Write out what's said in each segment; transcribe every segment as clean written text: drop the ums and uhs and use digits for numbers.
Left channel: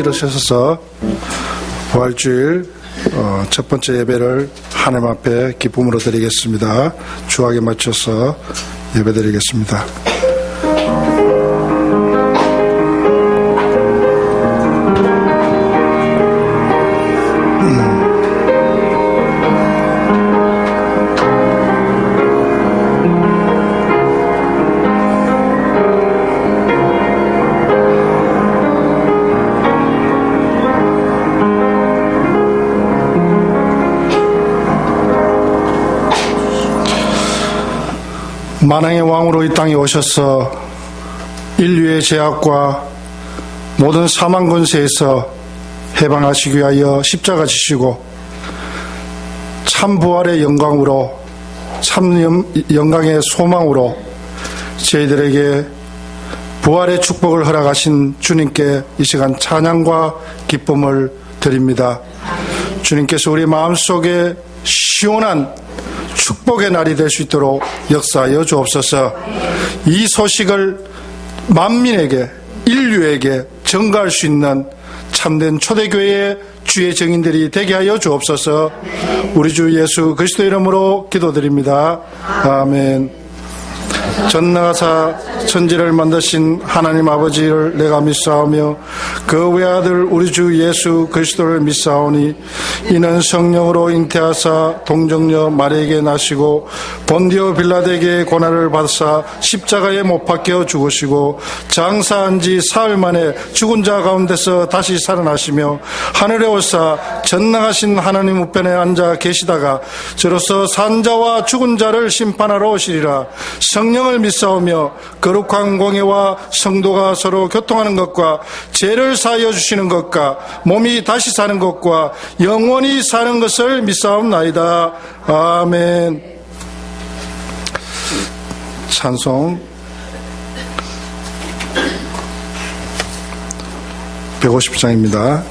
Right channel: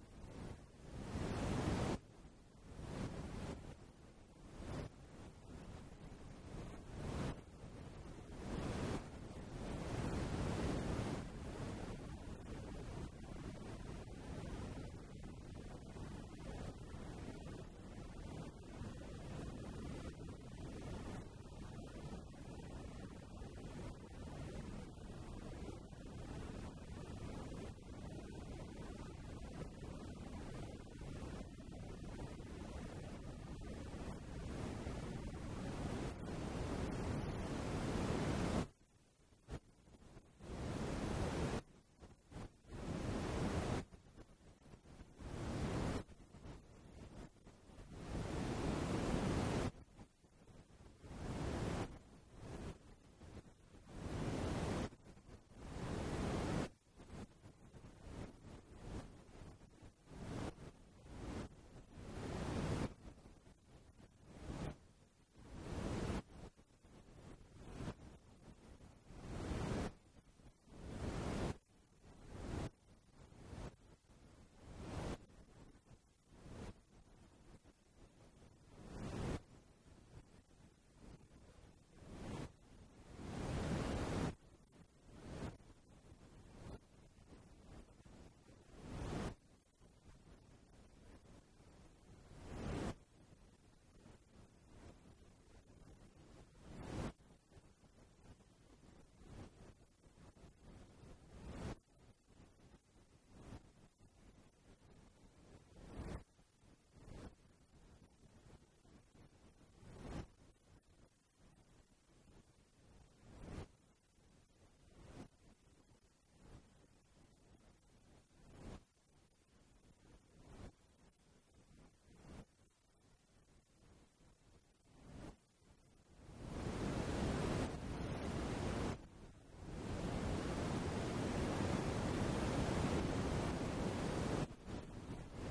일어서셔서 부활주일 첫 번째 예배를 하나님 앞에 기쁨으로 드리겠습니다. 주악에 맞춰서 예배 드리겠습니다. 만왕의 왕으로 이 땅에 오셔서 인류의 죄악과 모든 사망 권세에서 해방하시기 위하여 십자가 지시고 참 부활의 영광으로 참 영광의 소망으로 저희들에게 부활의 축복을 허락하신 주님께 이 시간 찬양과 기쁨을 드립니다. 주님께서 우리 마음속에 시원한 축복의 날이 될 수 있도록 역사하여 주옵소서. 이 소식을 만민에게, 인류에게 전가할 수 있는 참된 초대교회의 주의 증인들이 되게 하여 주옵소서. 우리 주 예수 그리스도 이름으로 기도드립니다. 아멘. 전능하사 천지를 만드신 하나님 아버지를 내가 믿사오며 그 외아들 우리 주 예수 그리스도를 믿사오니 이는 성령으로 잉태하사 동정녀 마리에게 나시고 본디오 빌라드에게 고난을 받으사 십자가에 못 박혀 죽으시고 장사한 지 사흘 만에 죽은 자 가운데서 다시 살아나시며 하늘에 오사 전능하신 하나님 우편에 앉아 계시다가 저로서 산 자와 죽은 자를 심판하러 오시리라. 성령을 믿사오며 거룩한 공예와 성도가 서로 교통하는 것과 죄를 사하여 주시는 것과 몸이 다시 사는 것과 영원히 사는 것을 믿사옵나이다. 아멘. 찬송 150장입니다.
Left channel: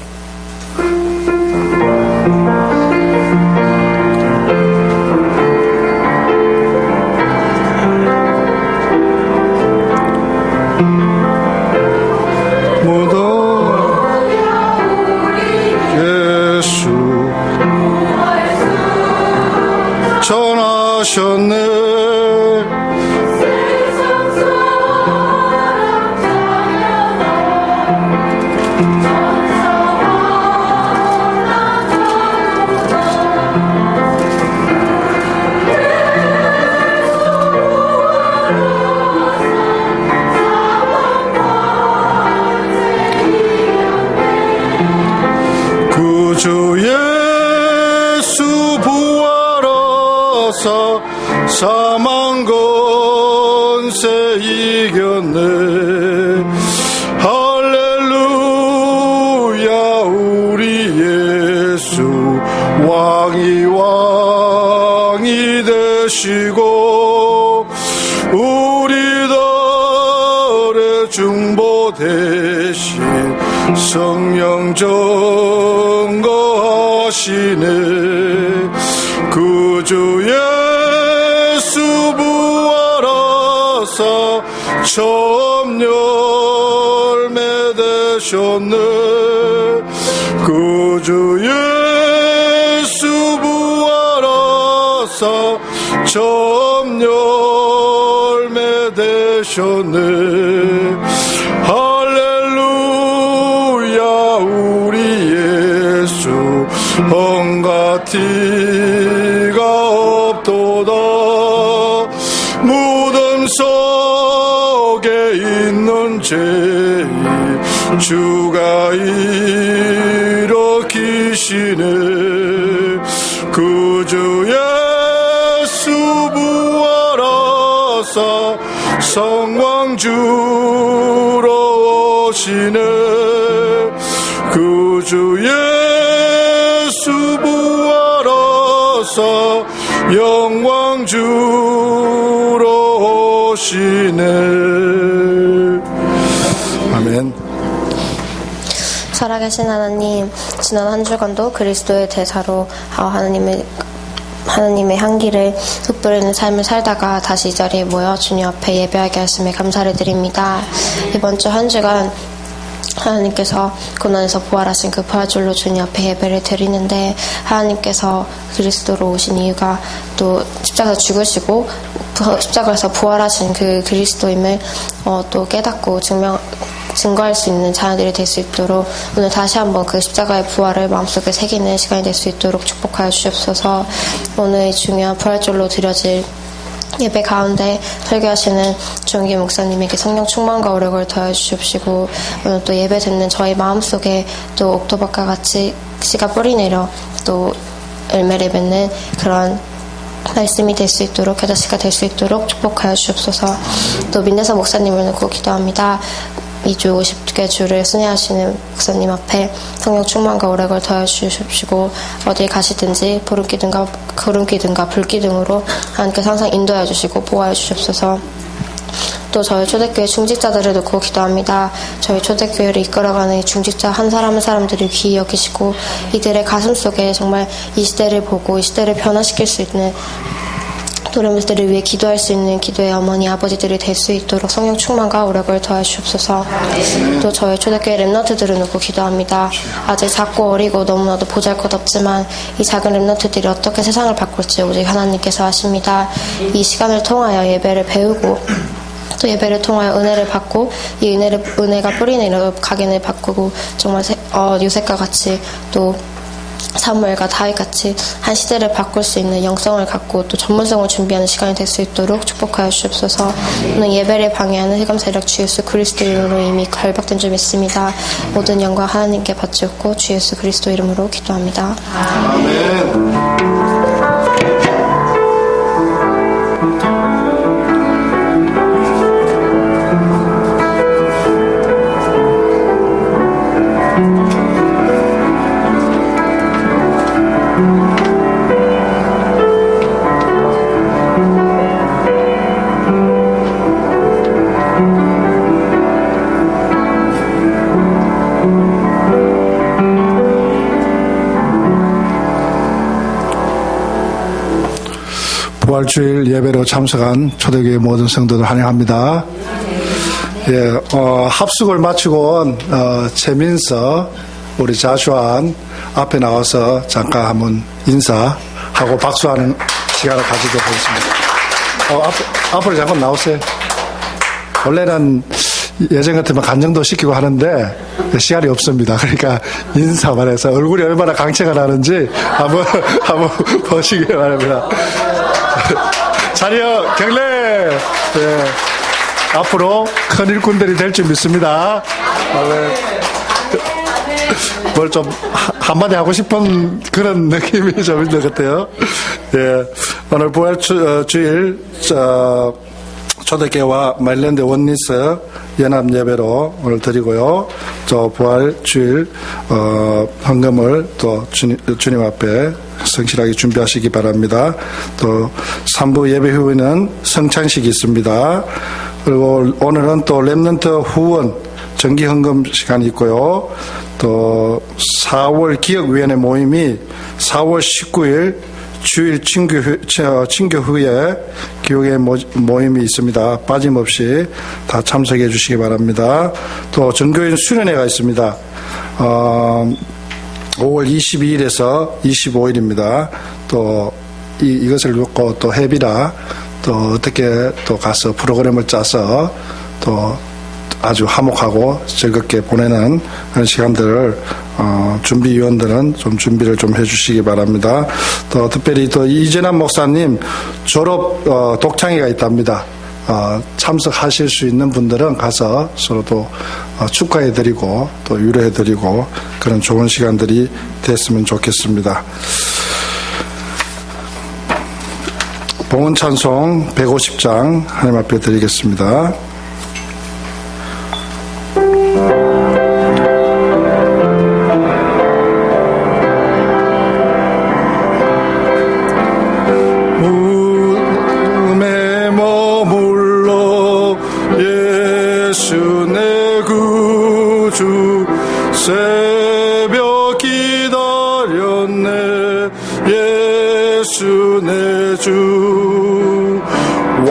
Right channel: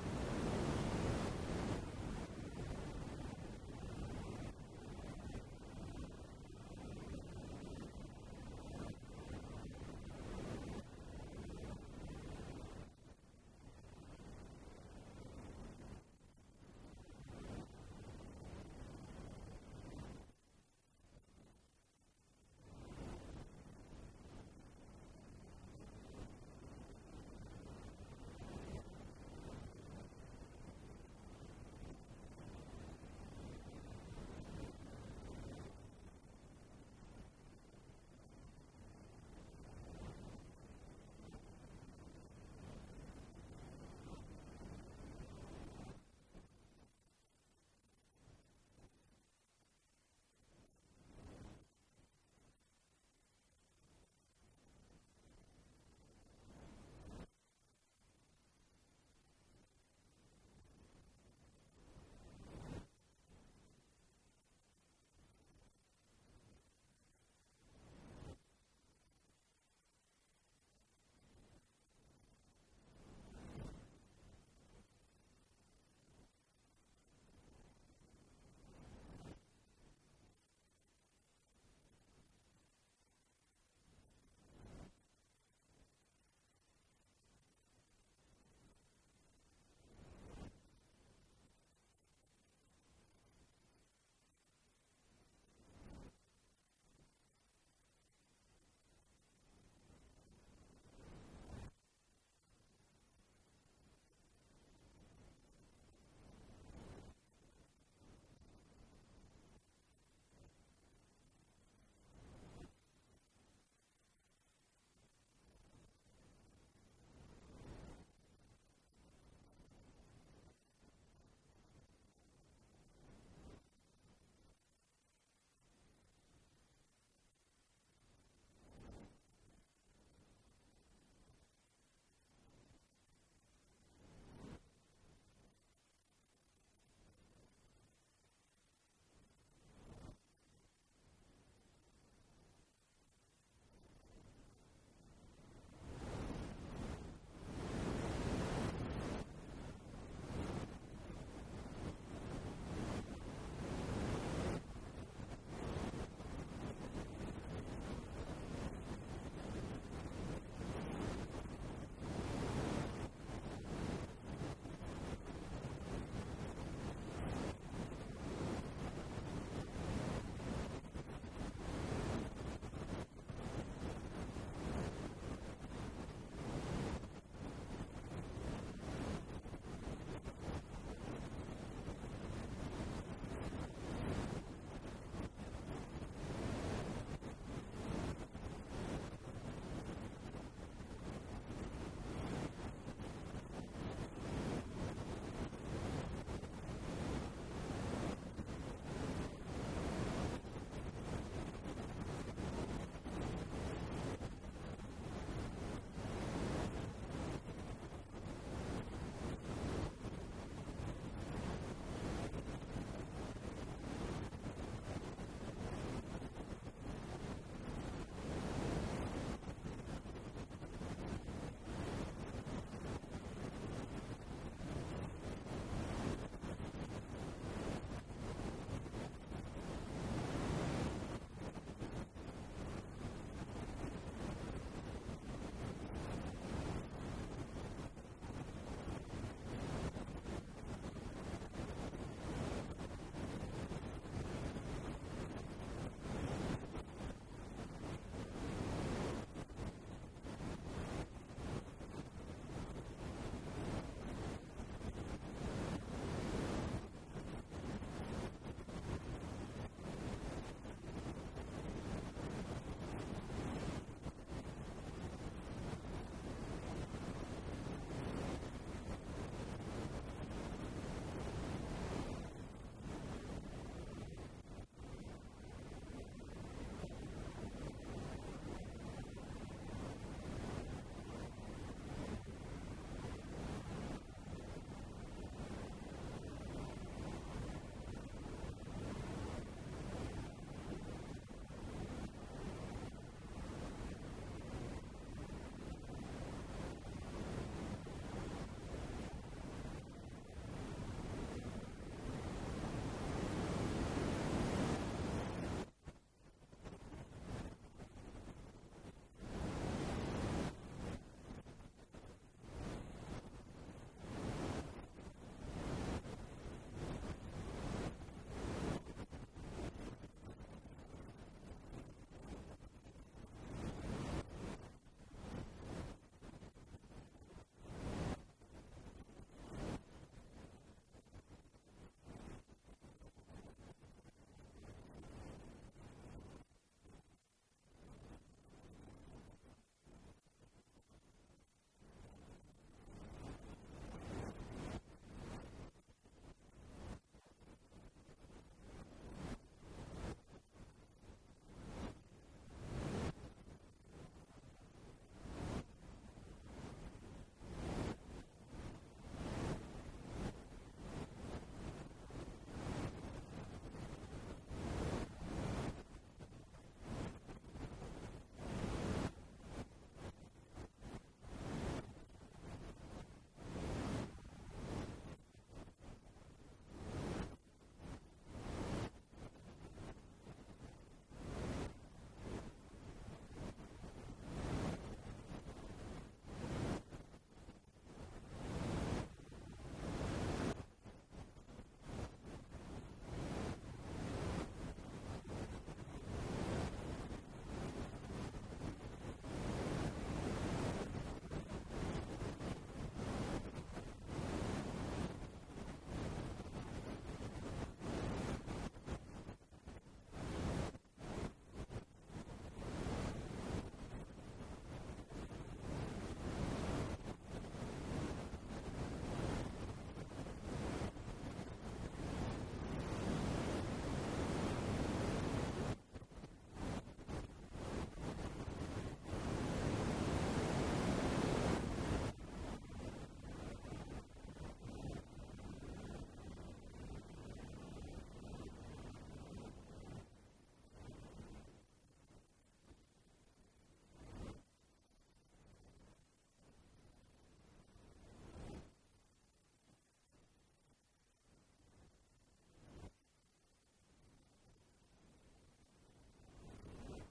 사망 권세 이겼네. 할렐루야. 우리 예수 왕이 되시고 우리들의 중보 대신 성령 증거하시네. 그 주의 처음 열매 되셨네. 그 주 예수 부활하사 처음 열매 되셨네. 할렐루야. 우리 예수 온갖 티가 없도다. 무덤 속에 있는 죄 주가 일으키시네. 그 주 예수 부활하사 성왕주로 오시네. 그 주 예수 부활하사 영왕주로 오시네. 아멘. 살아계신 하나님, 지난 한 주간도 그리스도의 대사로 하나님의 향기를 흩뿌리는 삶을 살다가 다시 이 자리에 모여 주님 앞에 예배하게 하심에 감사를 드립니다. 이번 주 한 주간 하나님께서 고난에서 부활하신 그 부활절로 주님 앞에 예배를 드리는데, 하나님께서 그리스도로 오신 이유가 또 십자가에서 죽으시고 십자가에서 부활하신 그 그리스도임을 또 깨닫고 증거할 수 있는 자녀들이 될 수 있도록, 오늘 다시 한번 그 십자가의 부활을 마음속에 새기는 시간이 될 수 있도록 축복하여 주옵소서. 오늘 이 중요한 부활절로 드려질 예배 가운데 설교하시는 주영기 목사님에게 성령 충만과 오력을 더해 주시옵시고, 오늘 또 예배 듣는 저희 마음속에 또 옥토박과 같이 씨가 뿌리내려 또 열매를 맺는 그런 말씀이 될 수 있도록, 겨자씨가 될 수 있도록 축복하여 주옵소서. 또 민대사 목사님을 놓고 기도합니다. 2주 50개 주를 순회하시는 목사님 앞에 성령 충만과 오력을 더해 주십시고, 어딜 가시든지 구름기둥과 불기둥으로 하나님께서 항상 인도해 주시고 보호해 주십소서. 또 저희 초대교회 중직자들을 놓고 기도합니다. 저희 초대교회를 이끌어가는 이 중직자 한 사람 한 사람들을 귀히 여기시고, 이들의 가슴 속에 정말 이 시대를 보고 이 시대를 변화시킬 수 있는 도련들을 위해 기도할 수 있는 기도의 어머니 아버지들이 될 수 있도록 성령 충만과 오력을 더해 주옵소서. 또 저희 초대교회 랩런트들을 놓고 기도합니다. 아직 작고 어리고 너무나도 보잘것없지만 이 작은 랩런트들이 어떻게 세상을 바꿀지 오직 하나님께서 아십니다. 이 시간을 통하여 예배를 배우고 또 예배를 통하여 은혜를 받고, 이 은혜가 뿌리내려 각인을 바꾸고 정말 요셉과 같이 또 사무엘과 다윗같이 한 시대를 바꿀 수 있는 영성을 갖고 또 전문성을 준비하는 시간이 될 수 있도록 축복하여 주옵소서. 오늘 예배를 방해하는 흑암 세력 주 예수 그리스도 이름으로 이미 결박된 줄 믿습니다. 모든 영광 하나님께 바치옵고 주 예수 그리스도 이름으로 기도합니다. 아멘. 부활주일 예배로 참석한 초대교회 모든 성도들 환영합니다. 예, 합숙을 마치고 최민서 우리 자주한 앞에 나와서 잠깐 한번 인사하고 박수하는 시간을 가지도록 하겠습니다. 앞으로 잠깐 나오세요. 원래는 예전 같으면 간증도 시키고 하는데 시간이 없습니다. 그러니까 인사만 해서 얼굴이 얼마나 강체가 나는지 한번 보시기 바랍니다. 자리여 경례. 네. 앞으로 큰 일꾼들이 될 줄 믿습니다. 뭘 좀 한마디 하고 싶은 그런 느낌이 좀 있는 것 같아요. 예. 오늘 부활주일 초대교회와 마일랜드 원리스 연합 예배로 오늘 드리고요. 또 부활주일 헌금을 또 주님 앞에 성실하게 준비하시기 바랍니다. 또 3부 예배 후에는 성찬식이 있습니다. 그리고 오늘은 또 랩런트 후원 정기 헌금 시간이 있고요. 또 4월 기억위원회 모임이 4월 19일 주일 친교 후에 교회 모임이 있습니다. 빠짐없이 다 참석해 주시기 바랍니다. 또 전교인 수련회가 있습니다. 5월 22일에서 25일입니다. 또 이것을 놓고 또 해비라 또 어떻게 또 가서 프로그램을 짜서 또 아주 화목하고 즐겁게 보내는 그런 시간들을 준비위원들은 좀 준비를 좀 해주시기 바랍니다. 또 특별히 또 이재남 목사님 졸업 독창회가 있답니다. 참석하실 수 있는 분들은 가서 서로 또 축하해드리고 또 위로해드리고 그런 좋은 시간들이 됐으면 좋겠습니다. 봉헌 찬송 150장 하나님 앞에 드리겠습니다.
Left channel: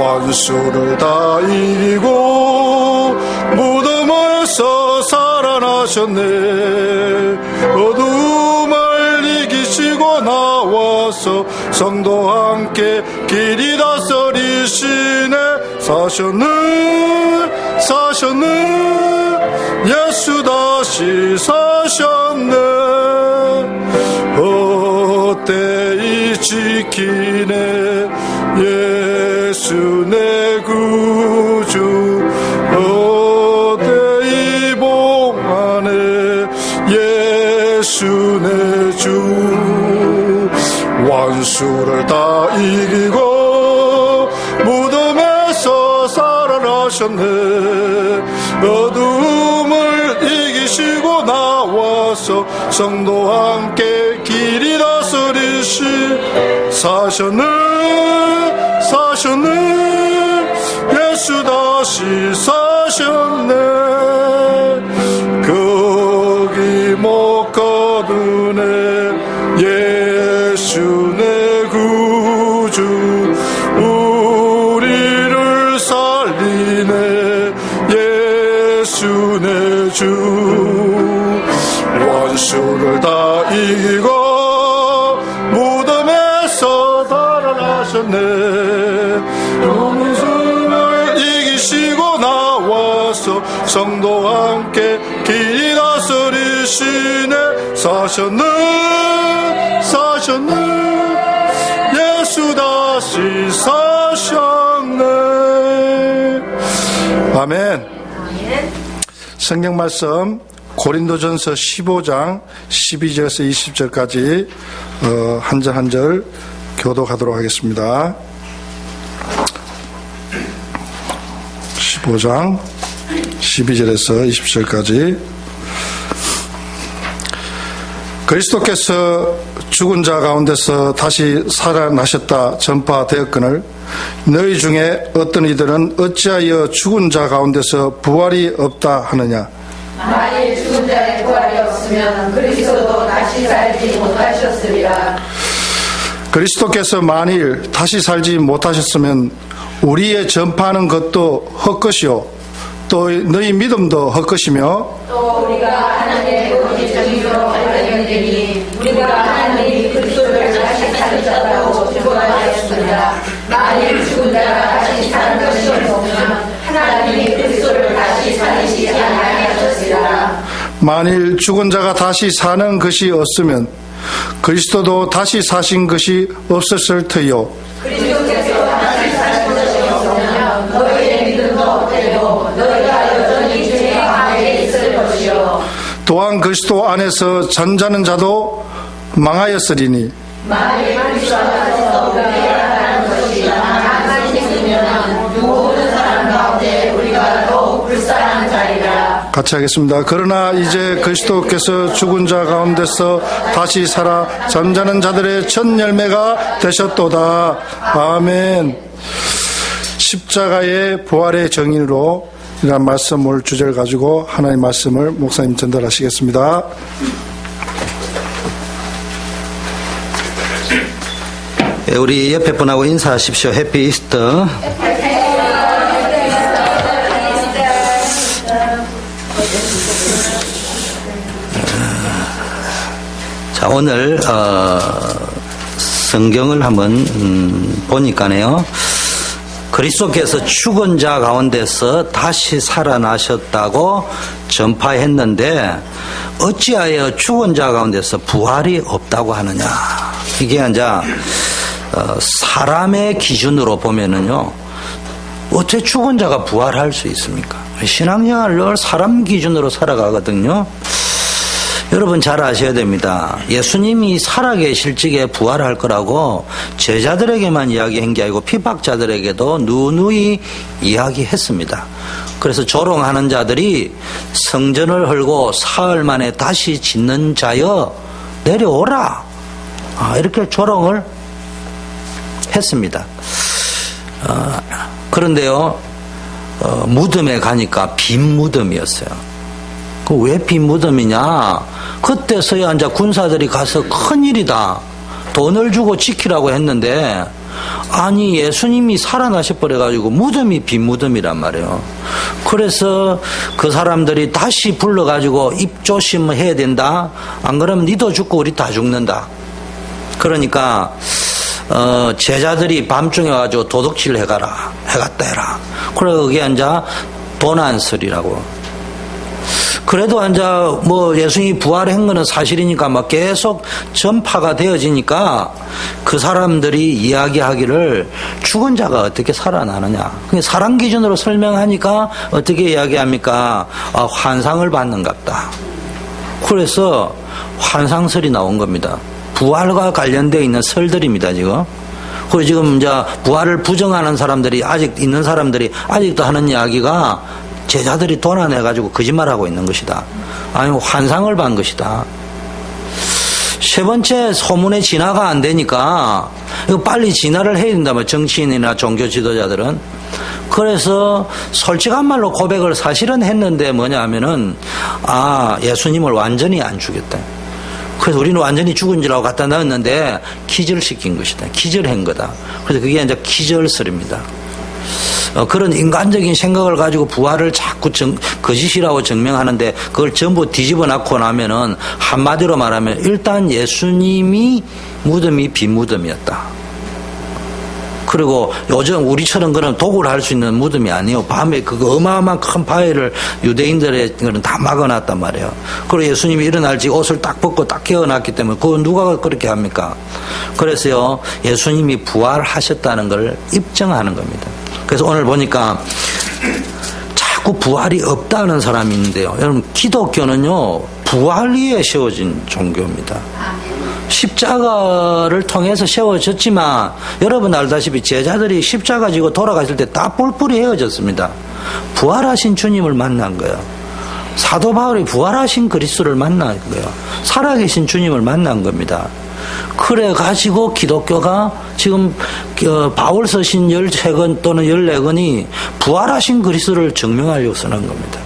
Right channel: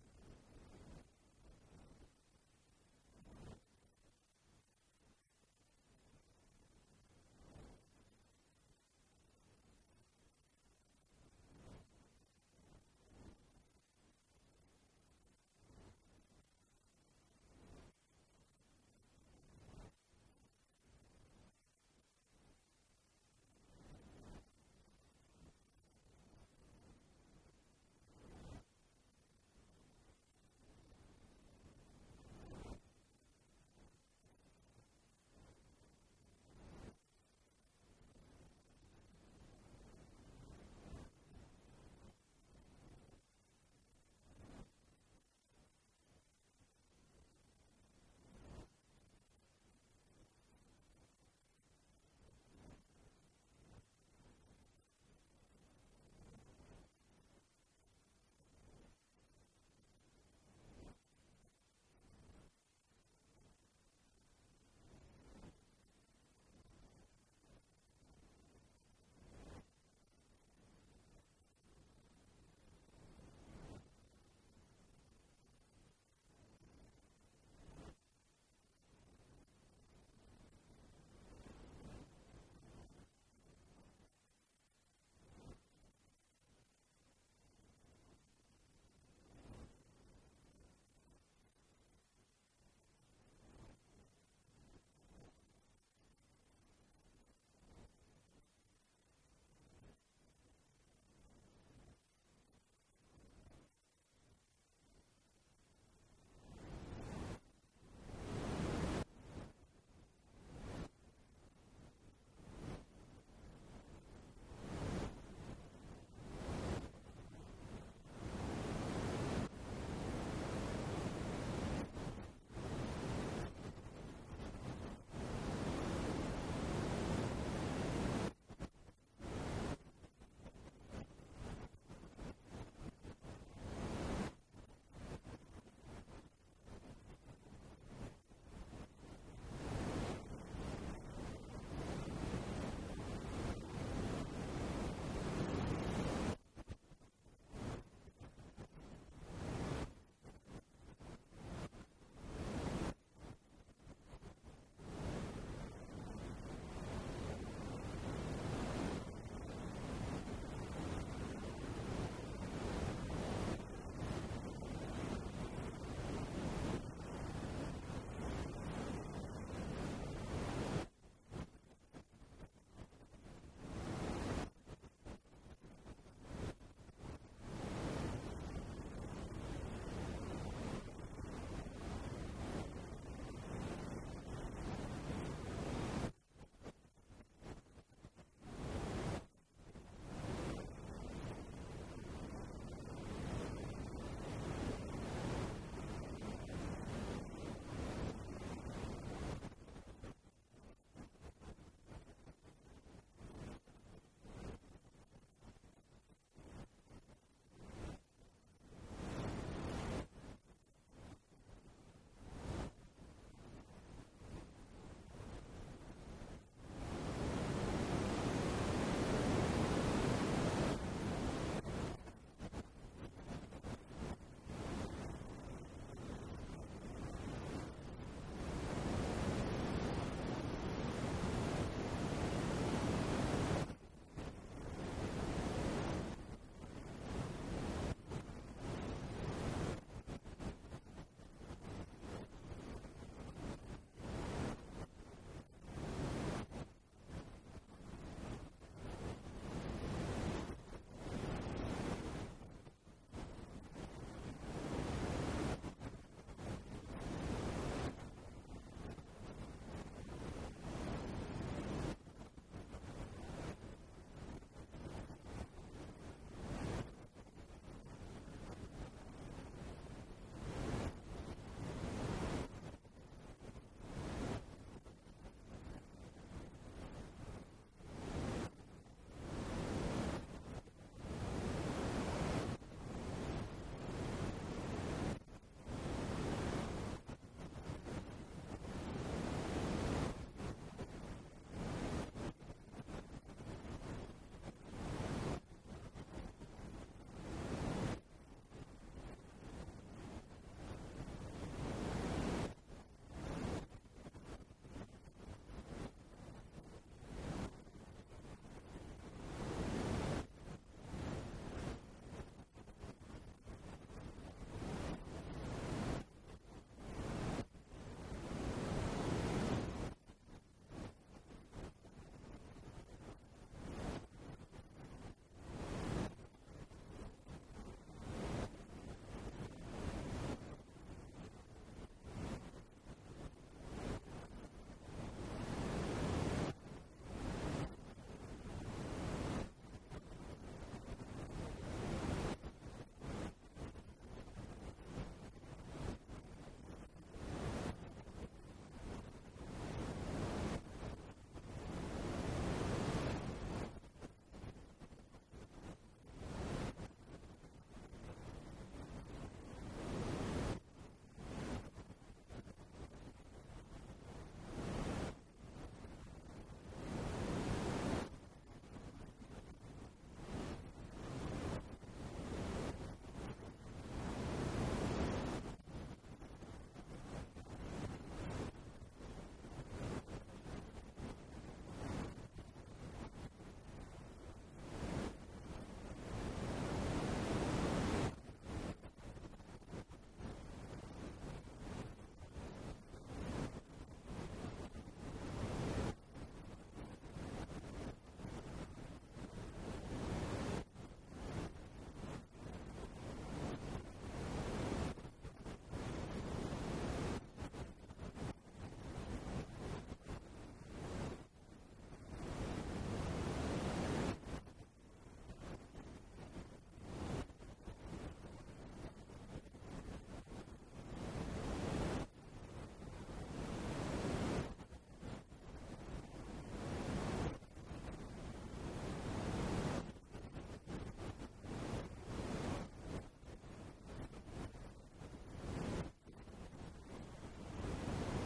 원수를 다 이기고 무덤에서 살아나 살아나셨네. 어둠을 이기시고 나와서 성도와 함께 길이 다스리시네. 사셨네 예수 다시 사셨네. 헛되이 지키네 예수 내 구주. 헛되이 봉하네 예수 내 주. 원수를 다 이기고 무덤에서 살아나셨네. 어둠을 이기시고 나와서 성도와 함께 길이 다스리시. 사셨네 예수 다시 사셨네. 거기 못 거두네 예수 내 구주. 우리를 살리네 예수 내 주. 원수를 다 이기고 무덤에서 살아나셨네. 원수를 이기시고 나와서 성도와 함께 길이 다스리시네. 사셨네 예수 다시 사셨네. 아멘. 성경 말씀 고린도전서 15장 12절에서 20절까지 한 절 한 절 교독하도록 하겠습니다. 15장 12절에서 20절까지. 그리스도께서 죽은 자 가운데서 다시 살아나셨다 전파되었거늘 너희 중에 어떤 이들은 어찌하여 죽은 자 가운데서 부활이 없다 하느냐. 만일 죽은 자의 부활이 없으면 그리스도도 다시 살지 못하셨으리라. 그리스도께서 만일 다시 살지 못하셨으면 우리의 전파하는 것도 헛것이요 또 너희 믿음도 헛것이며 또 우리가 하나님의 은혜 정의로 발견되니 우리가 하나님이 그리스도를 다시 살리셨다고 증거하였습니다. 만일 죽은 자가 다시 사는 것이 없으면 하나님이 그리스도를 다시 살리시지 아니하셨으리라. 만일 죽은 자가 다시 사는 것이 없으면 그리스도도 다시 사신 것이 없었을 터요. 그리스도께서 다시 사신 것이 없으면 너희의 믿음도 헛되고 너희가 여전히 죄 가운데 있을 것이요. 또한 그리스도 안에서 잠자는 자도 망하였으리니 만일 그리스도 안에서 우리가 살아가는 것이 가만히 있으면 모든 사람 가운데 우리가 더욱 불쌍한 자리라. 같이 하겠습니다. 그러나 이제 그리스도께서 죽은 자 가운데서 다시 살아 잠자는 자들의 첫 열매가 되셨도다. 아멘. 십자가의 부활의 정인으로 이런 말씀을 주제를 가지고 하나님의 말씀을 목사님 전달하시겠습니다. 우리 옆에 분하고 인사하십시오. 해피 이스터. 자, 오늘 성경을 한번 보니까요. 그리스도께서 죽은 자 가운데서 다시 살아나셨다고 전파했는데 어찌하여 죽은 자 가운데서 부활이 없다고 하느냐. 이게 이제 사람의 기준으로 보면은요, 어떻게 죽은 자가 부활할 수 있습니까? 신앙생활을 사람 기준으로 살아가거든요. 여러분 잘 아셔야 됩니다. 예수님이 살아계실 적에 부활할 거라고 제자들에게만 이야기한 게 아니고 핍박자들에게도 누누이 이야기했습니다. 그래서 조롱하는 자들이 성전을 헐고 사흘 만에 다시 짓는 자여 내려오라, 이렇게 조롱을 했습니다. 그런데요, 무덤에 가니까 빈 무덤이었어요. 왜 빈 무덤이냐? 그때서야 이제 군사들이 가서 큰일이다, 돈을 주고 지키라고 했는데 아니 예수님이 살아나셔 버려가지고 무덤이 빈 무덤이란 말이에요. 그래서 그 사람들이 다시 불러가지고 입조심을 해야 된다. 안 그러면 니도 죽고 우리 다 죽는다. 그러니까 제자들이 밤중에 와가지고 도둑질 해가라, 해갔다 해라. 그래 그게 이제 도난설이라고. 그래도 이제 뭐 예수님이 부활한 거는 사실이니까 막 계속 전파가 되어지니까 그 사람들이 이야기하기를 죽은 자가 어떻게 살아나느냐. 사람 기준으로 설명하니까 어떻게 이야기합니까? 환상을 받는갑다. 그래서 환상설이 나온 겁니다. 부활과 관련되어 있는 설들입니다, 지금. 그리고 지금 이제 부활을 부정하는 사람들이 아직 있는 사람들이 아직도 하는 이야기가 제자들이 도난해가지고 거짓말하고 있는 것이다. 아니면 환상을 본 것이다. 세 번째, 소문의 진화가 안 되니까 이거 빨리 진화를 해야 된다면 정치인이나 종교 지도자들은. 그래서 솔직한 말로 고백을 사실은 했는데 뭐냐 하면은 예수님을 완전히 안 죽였다. 그래서 우리는 완전히 죽은 줄 알고 갖다 넣었는데 기절시킨 것이다. 기절한 거다. 그래서 그게 이제 기절설입니다. 그런 인간적인 생각을 가지고 부활을 자꾸 거짓이라고 증명하는데 그걸 전부 뒤집어 놨고 나면은 한마디로 말하면 일단 예수님이 무덤이 빈 무덤이었다. 그리고 요즘 우리처럼 그런 도구를 할 수 있는 무덤이 아니에요. 밤에 그거 어마어마한 큰 바위를 유대인들의 그런 다 막아놨단 말이에요. 그리고 예수님이 일어날지 옷을 딱 벗고 딱 깨어났기 때문에 그거 누가 그렇게 합니까? 그래서요 예수님이 부활하셨다는 걸 입증하는 겁니다. 그래서 오늘 보니까 자꾸 부활이 없다는 사람이 있는데요. 여러분 기독교는요 부활 위에 세워진 종교입니다. 십자가를 통해서 세워졌지만 여러분 알다시피 제자들이 십자가 지고 돌아가실 때 다 뿔뿔이 헤어졌습니다. 부활하신 주님을 만난 거예요. 사도 바울이 부활하신 그리스도를 만난 거예요. 살아계신 주님을 만난 겁니다. 그래 가지고 기독교가 지금 바울 서신 13권 또는 14권이 부활하신 그리스도를 증명하려고 쓰는 겁니다.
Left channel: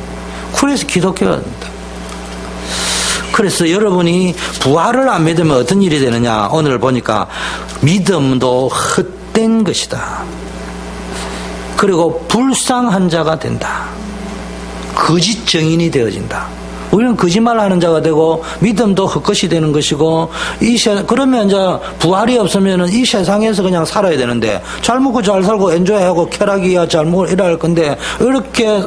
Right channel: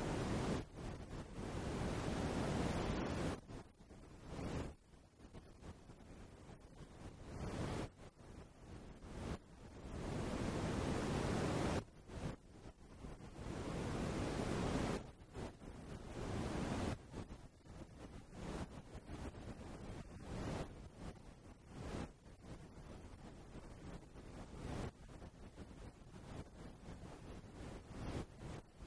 그래서 기독교가 됩니다. 그래서 여러분이 부활을 안 믿으면 어떤 일이 되느냐. 오늘 보니까 믿음도 헛된 것이다. 그리고 불쌍한 자가 된다. 거짓 증인이 되어진다. 우리는 거짓말하는 자가 되고 믿음도 헛것이 되는 것이고 그러면 이제 부활이 없으면은 이 세상에서 그냥 살아야 되는데 잘 먹고 잘 살고 엔조이하고 쾌락이야 잘 먹고 이럴 건데 이렇게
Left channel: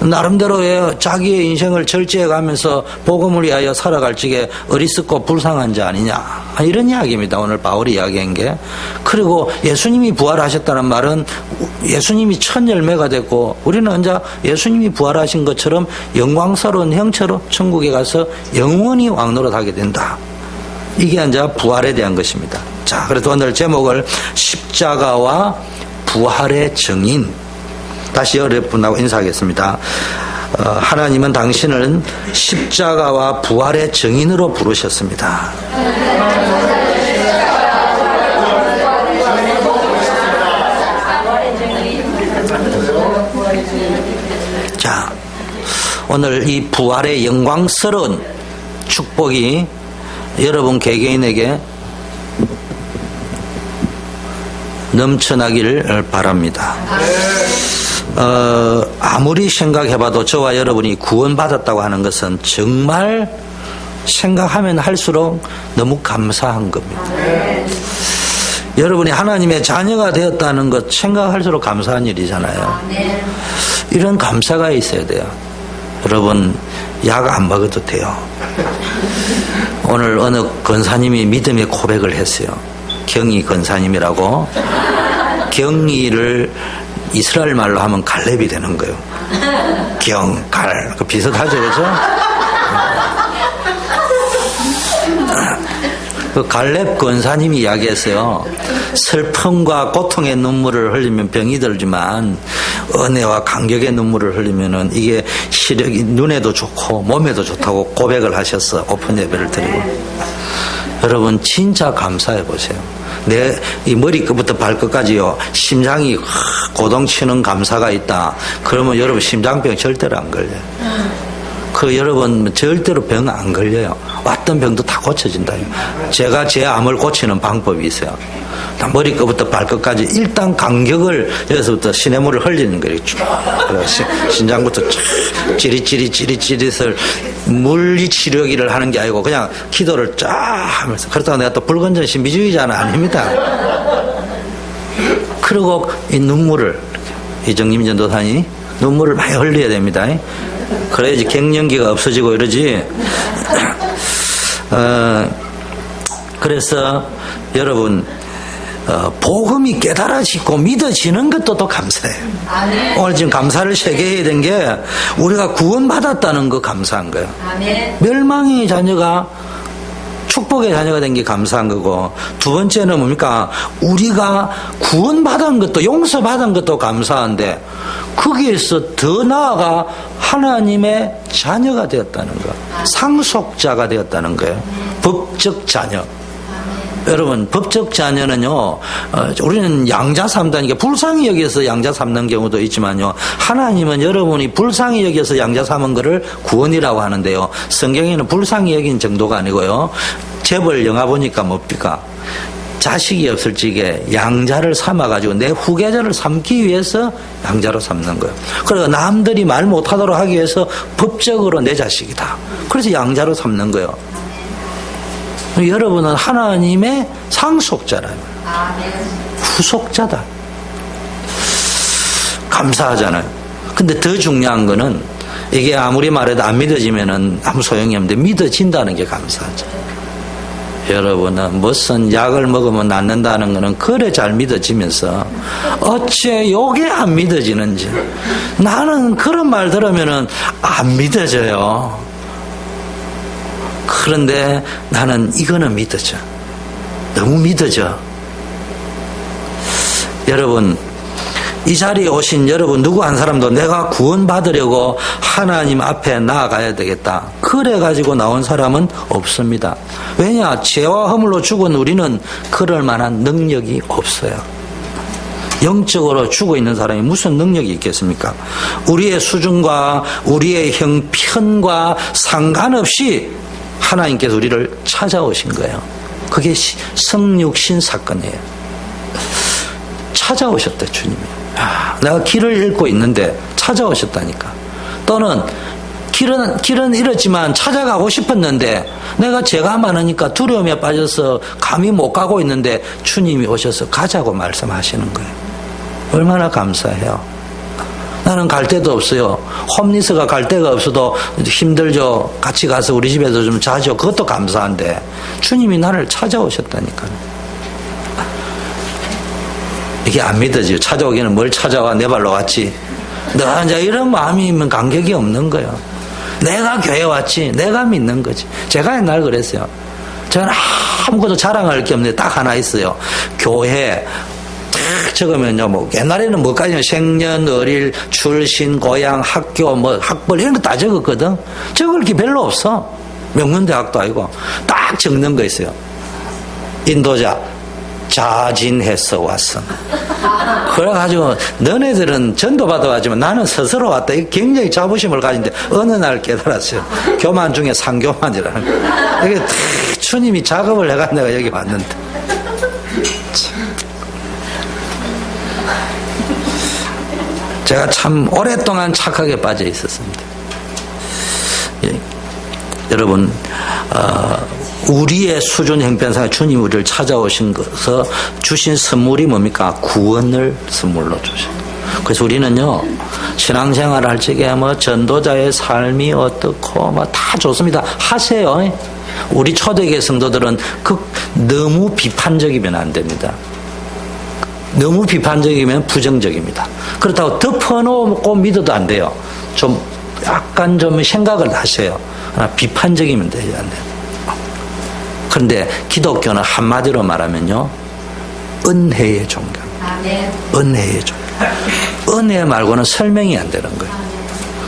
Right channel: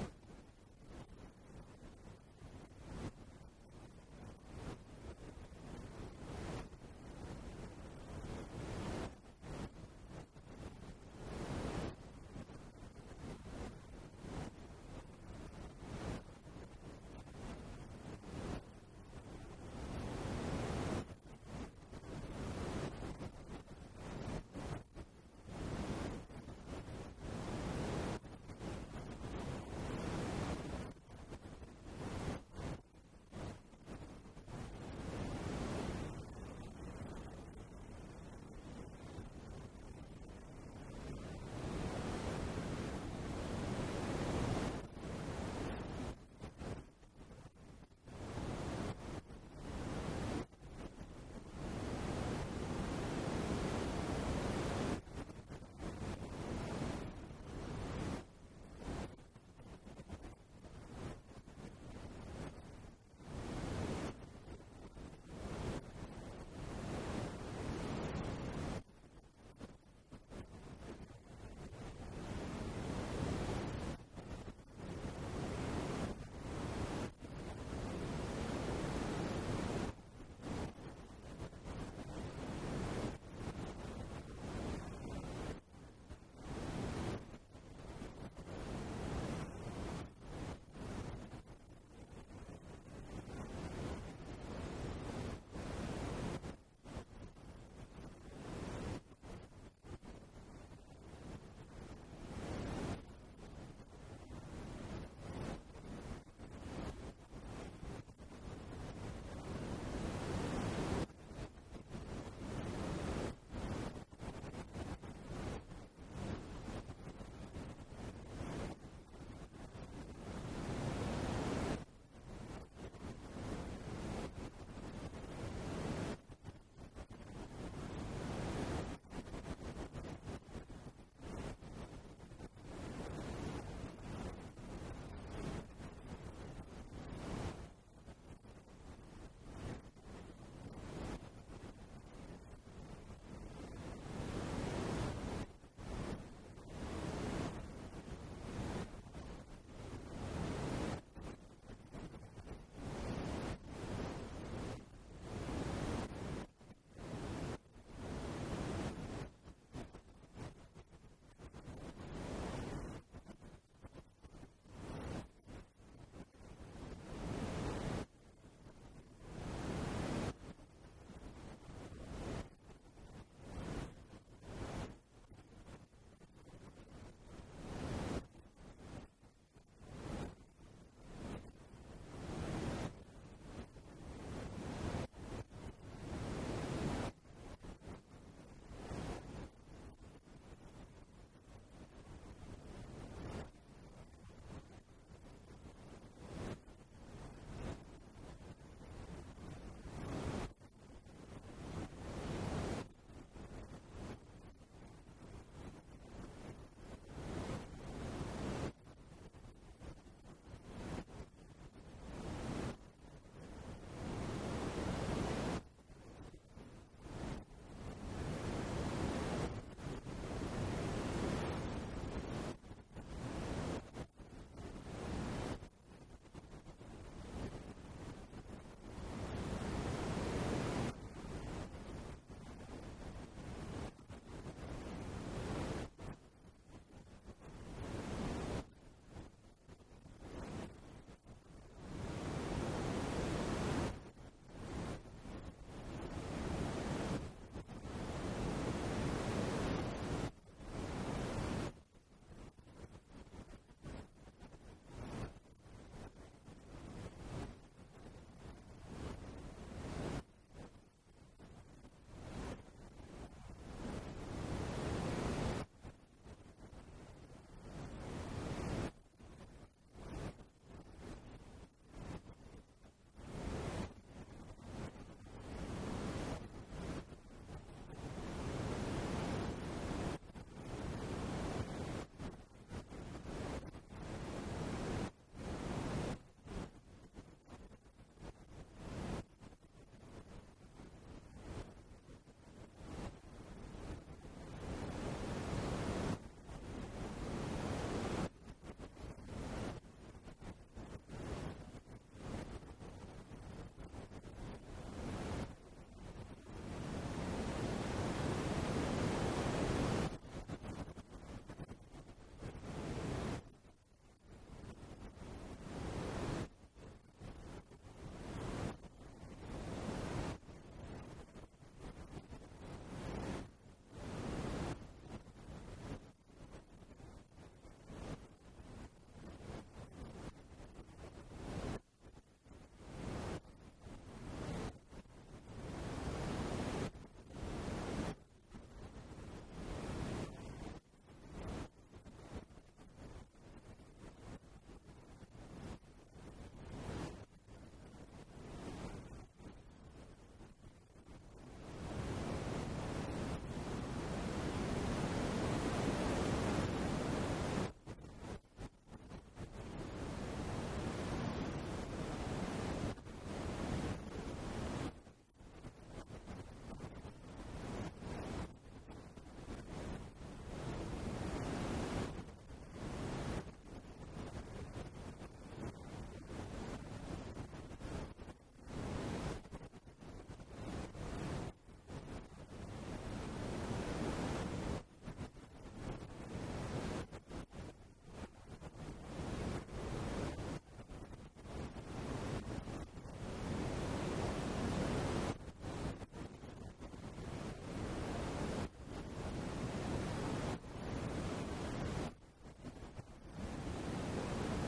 나름대로의 자기의 인생을 절제해가면서 복음을 위하여 살아갈 적에 어리석고 불쌍한 자 아니냐 이런 이야기입니다. 오늘 바울이 이야기한 게. 그리고 예수님이 부활하셨다는 말은 예수님이 첫 열매가 됐고 우리는 이제 예수님이 부활하신 것처럼 영광스러운 형체로 천국에 가서 영원히 왕노릇하게 된다. 이게 이제 부활에 대한 것입니다. 자, 그래서 오늘 제목을 십자가와 부활의 증인. 다시 여러분하고 인사하겠습니다. 하나님은 당신을 십자가와 부활의 증인으로 부르셨습니다. 자, 오늘 이 부활의 영광스러운 축복이 여러분 개개인에게 넘쳐나기를 바랍니다. 아무리 생각해봐도 저와 여러분이 구원받았다고 하는 것은 정말 생각하면 할수록 너무 감사한 겁니다. 여러분이 하나님의 자녀가 되었다는 것 생각할수록 감사한 일이잖아요. 이런 감사가 있어야 돼요. 여러분 약 안 먹어도 돼요. 오늘 어느 권사님이 믿음의 고백을 했어요. 경희 권사님이라고. 경희를 이스라엘 말로 하면 갈렙이 되는 거예요. 경갈 그 비슷하죠, 그렇죠? 그 갈렙 권사님이 이야기했어요. 슬픔과 고통의 눈물을 흘리면 병이 들지만 은혜와 감격의 눈물을 흘리면은 이게 시력이 눈에도 좋고 몸에도 좋다고 고백을 하셨어. 오픈 예배를 드리고. 여러분 진짜 감사해 보세요. 내 이 머리끝부터 발끝까지요 심장이 고동치는 감사가 있다. 그러면 여러분 심장병 절대로 안 걸려요. 여러분 절대로 병 안 걸려요. 왔던 병도 다 고쳐진다. 제가 제 암을 고치는 방법이 있어요. 머리끝부터 발끝까지 일단 간격을 여기서부터 시냇물을 흘리는 거예요. 쭉. 그래서 신장부터 쫙 찌릿찌릿을 물리치료기를 하는 게 아니고 그냥 기도를 쫙 하면서. 그렇다고 내가 또 불건전 신비주의자는 아닙니다. 그리고 이 눈물을, 이정림 전도사님 눈물을 많이 흘려야 됩니다. 그래야지 갱년기가 없어지고 이러지. 그래서 여러분, 복음이 깨달아지고 믿어지는 것도 또 감사해요. 오늘 지금 감사를 세게 해야 된 게 우리가 구원받았다는 거 감사한 거예요. 멸망의 자녀가 축복의 자녀가 된 게 감사한 거고, 두 번째는 뭡니까? 우리가 구원받은 것도 용서받은 것도 감사한데 거기에서 더 나아가 하나님의 자녀가 되었다는 거, 상속자가 되었다는 거예요. 법적 자녀. 여러분, 법적 자녀는요, 우리는 양자 삼다니까 불쌍히 여기서 양자 삼는 경우도 있지만요, 하나님은 여러분이 불쌍히 여기서 양자 삼은 거를 구원이라고 하는데요, 성경에는 불쌍히 여긴 정도가 아니고요, 재벌 영화 보니까 뭡니까? 자식이 없을 적에 양자를 삼아가지고 내 후계자를 삼기 위해서 양자로 삼는 거예요. 그래서 남들이 말 못하도록 하기 위해서 법적으로 내 자식이다. 그래서 양자로 삼는 거예요. 여러분은 하나님의 상속자라는 거예요. 후속자다. 감사하잖아요. 근데 더 중요한 거는 이게 아무리 말해도 안 믿어지면은 아무 소용이 없는데 믿어진다는 게 감사하죠. 여러분은 무슨 약을 먹으면 낫는다는 거는 그래 잘 믿어지면서 어째 요게 안 믿어지는지. 나는 그런 말 들으면은 안 믿어져요. 그런데 나는 이거는 믿어져. 너무 믿어져. 여러분, 이 자리에 오신 여러분 누구 한 사람도 내가 구원받으려고 하나님 앞에 나아가야 되겠다. 그래가지고 나온 사람은 없습니다. 왜냐? 죄와 허물로 죽은 우리는 그럴 만한 능력이 없어요. 영적으로 죽어 있는 사람이 무슨 능력이 있겠습니까? 우리의 수준과 우리의 형편과 상관없이 하나님께서 우리를 찾아오신 거예요. 그게 성육신 사건이에요. 찾아오셨대, 주님이. 내가 길을 잃고 있는데 찾아오셨다니까. 또는 길은 잃었지만 찾아가고 싶었는데 내가 죄가 많으니까 두려움에 빠져서 감히 못 가고 있는데 주님이 오셔서 가자고 말씀하시는 거예요. 얼마나 감사해요. 나는 갈 데도 없어요. 홈리스가 갈 데가 없어도 힘들죠. 같이 가서 우리 집에서 좀 자죠. 그것도 감사한데 주님이 나를 찾아오셨다니까요. 이게 안 믿어지요. 찾아오기는 뭘 찾아와, 내 발로 왔지. 나 이제 이런 마음이면 간격이 없는 거예요. 내가 교회 왔지. 내가 믿는 거지. 제가 옛날 그랬어요. 저는 아무것도 자랑할 게 없는데 딱 하나 있어요. 교회 딱 적으면요, 뭐 옛날에는 뭐까지 생년, 어릴, 출신, 고향, 학교, 뭐 학벌 이런 거 다 적었거든. 적을 게 별로 없어. 명문대학도 아니고 딱 적는 거 있어요. 인도자 자진해서 왔어. 그래가지고 너네들은 전도받아 왔지만 나는 스스로 왔다. 굉장히 자부심을 가진데 어느 날 깨달았어요. 교만 중에 상교만이라는 거. 이게 주님이 작업을 해가 내가 여기 왔는데. 제가 참 오랫동안 착하게 빠져 있었습니다. 예. 여러분, 우리의 수준 형편상 주님 우리를 찾아오신 것에서 주신 선물이 뭡니까? 구원을 선물로 주신. 그래서 우리는요, 신앙생활을 할 적에 뭐 전도자의 삶이 어떻고 뭐 다 좋습니다. 하세요. 우리 초대교회 성도들은 너무 비판적이면 안 됩니다. 너무 비판적이면 부정적입니다. 그렇다고 덮어놓고 믿어도 안 돼요. 좀 약간 좀 생각을 하세요. 비판적이면 되지 안 돼요. 그런데 기독교는 한마디로 말하면요, 은혜의 종교. 은혜의 종교. 은혜 말고는 설명이 안 되는 거예요.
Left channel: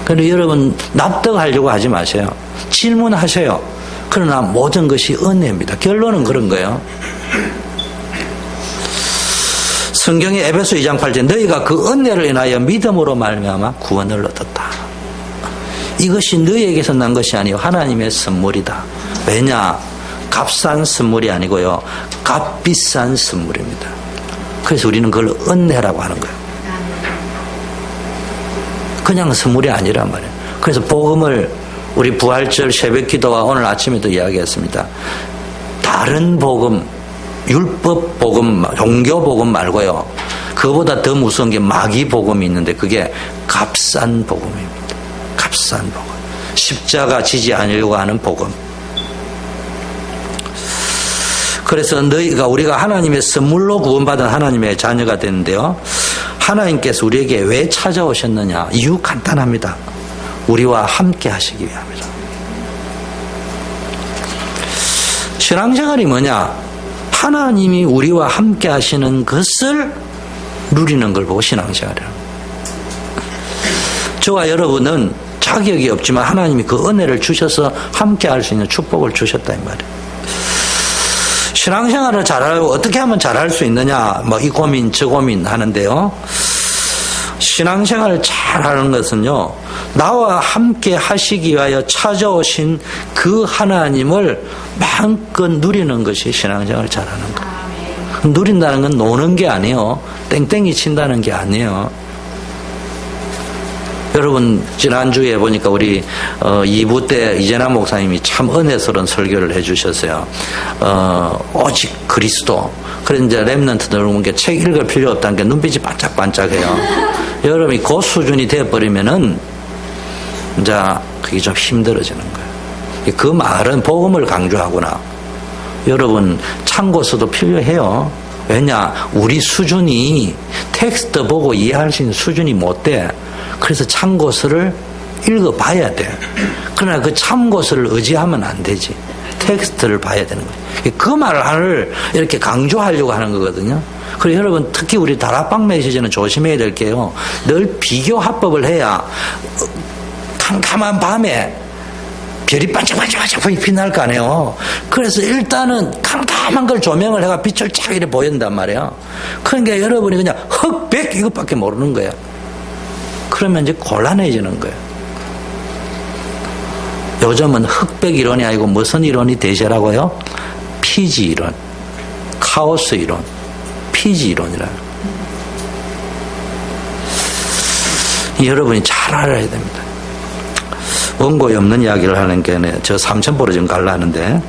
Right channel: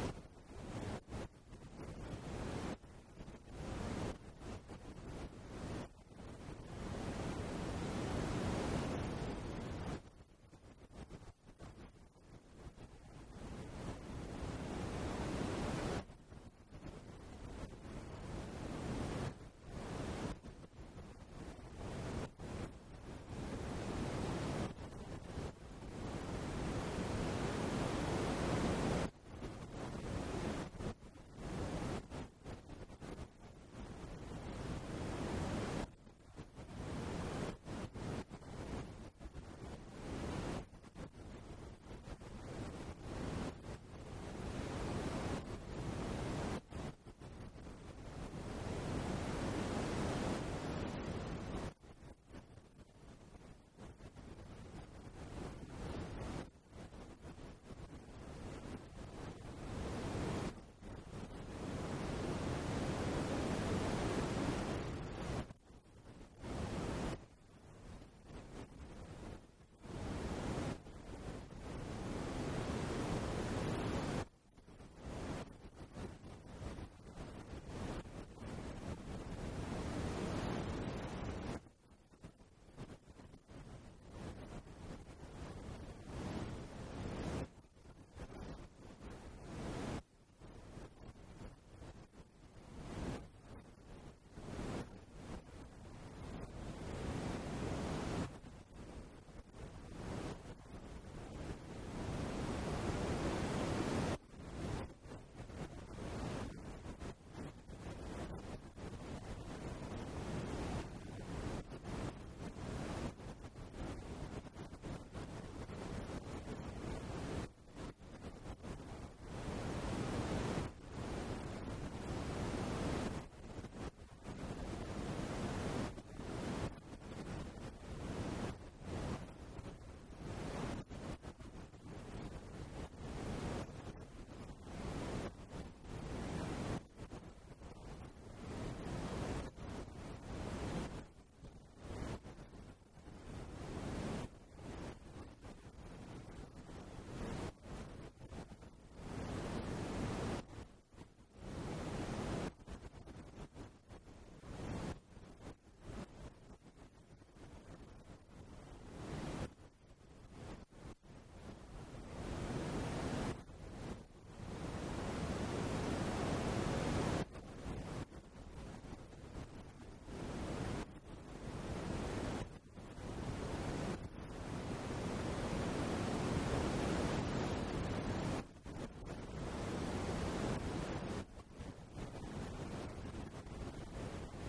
그런데 여러분 납득하려고 하지 마세요. 질문하세요. 그러나 모든 것이 은혜입니다. 결론은 그런 거예요. 성경의 에베소 2장 8절 너희가 그 은혜를 인하여 믿음으로 말미암아 구원을 얻었다. 이것이 너희에게서 난 것이 아니요 하나님의 선물이다. 왜냐? 값싼 선물이 아니고요. 값비싼 선물입니다. 그래서 우리는 그걸 은혜라고 하는 거예요. 그냥 선물이 아니란 말이에요. 그래서 복음을 우리 부활절 새벽기도와 오늘 아침에도 이야기했습니다. 다른 복음, 율법 복음, 종교 복음 말고요. 그보다 더 무서운 게 마귀 복음이 있는데 그게 값싼 복음입니다. 값싼 복음. 십자가 지지 않으려고 하는 복음. 그래서 우리가 하나님의 선물로 구원받은 하나님의 자녀가 되는데요. 하나님께서 우리에게 왜 찾아오셨느냐? 이유 간단합니다. 우리와 함께 하시기 위함이다. 신앙생활이 뭐냐? 하나님이 우리와 함께 하시는 것을 누리는 걸 보고 신앙생활이에요. 저와 여러분은 자격이 없지만 하나님이 그 은혜를 주셔서 함께 할 수 있는 축복을 주셨다 이 말이에요. 신앙생활을 잘하고 어떻게 하면 잘할 수 있느냐? 뭐 이 고민 저 고민 하는데요. 신앙생활을 잘하는 것은요. 나와 함께 하시기 위하여 찾아오신 그 하나님을 마음껏 누리는 것이 신앙생활을 잘하는 거예요. 누린다는 건 노는 게 아니에요. 땡땡이 친다는 게 아니에요. 여러분 지난주에 보니까 우리 2부 때 이재남 목사님이 참 은혜스러운 설교를 해주셨어요. 오직 그리스도. 그래서 이제 렘넌트 여러분 게 책 읽을 필요 없다는 게 눈빛이 반짝반짝해요. 여러분이 그 수준이 되어버리면은 이제 그게 좀 힘들어지는 거예요. 그 말은 복음을 강조하구나. 여러분 참고서도 필요해요. 왜냐? 우리 수준이 텍스트 보고 이해할 수 있는 수준이 못 돼. 그래서 참고서를 읽어봐야 돼. 그러나 그 참고서를 의지하면 안 되지. 텍스트를 봐야 되는 거예요. 그 말을 이렇게 강조하려고 하는 거거든요. 그리고 여러분 특히 우리 다락방 메시지는 조심해야 될 게요. 늘 비교 합법을 해야 캄캄한 밤에 별이 반짝반짝 빛날 거 아니에요. 그래서 일단은 캄캄한 걸 조명을 해가 빛을 쫙 이렇게 보인단 말이에요. 그러니까 여러분이 그냥 흑백 이것밖에 모르는 거예요. 그러면 이제 곤란해지는 거예요. 요즘은 흑백 이론이 아니고 무슨 이론이 대세라고요? 피지 이론, 카오스 이론, 피지 이론이라. 여러분이 잘 알아야 됩니다. 원고에 없는 이야기를 하는 게 저 삼천포로 지금 가려는데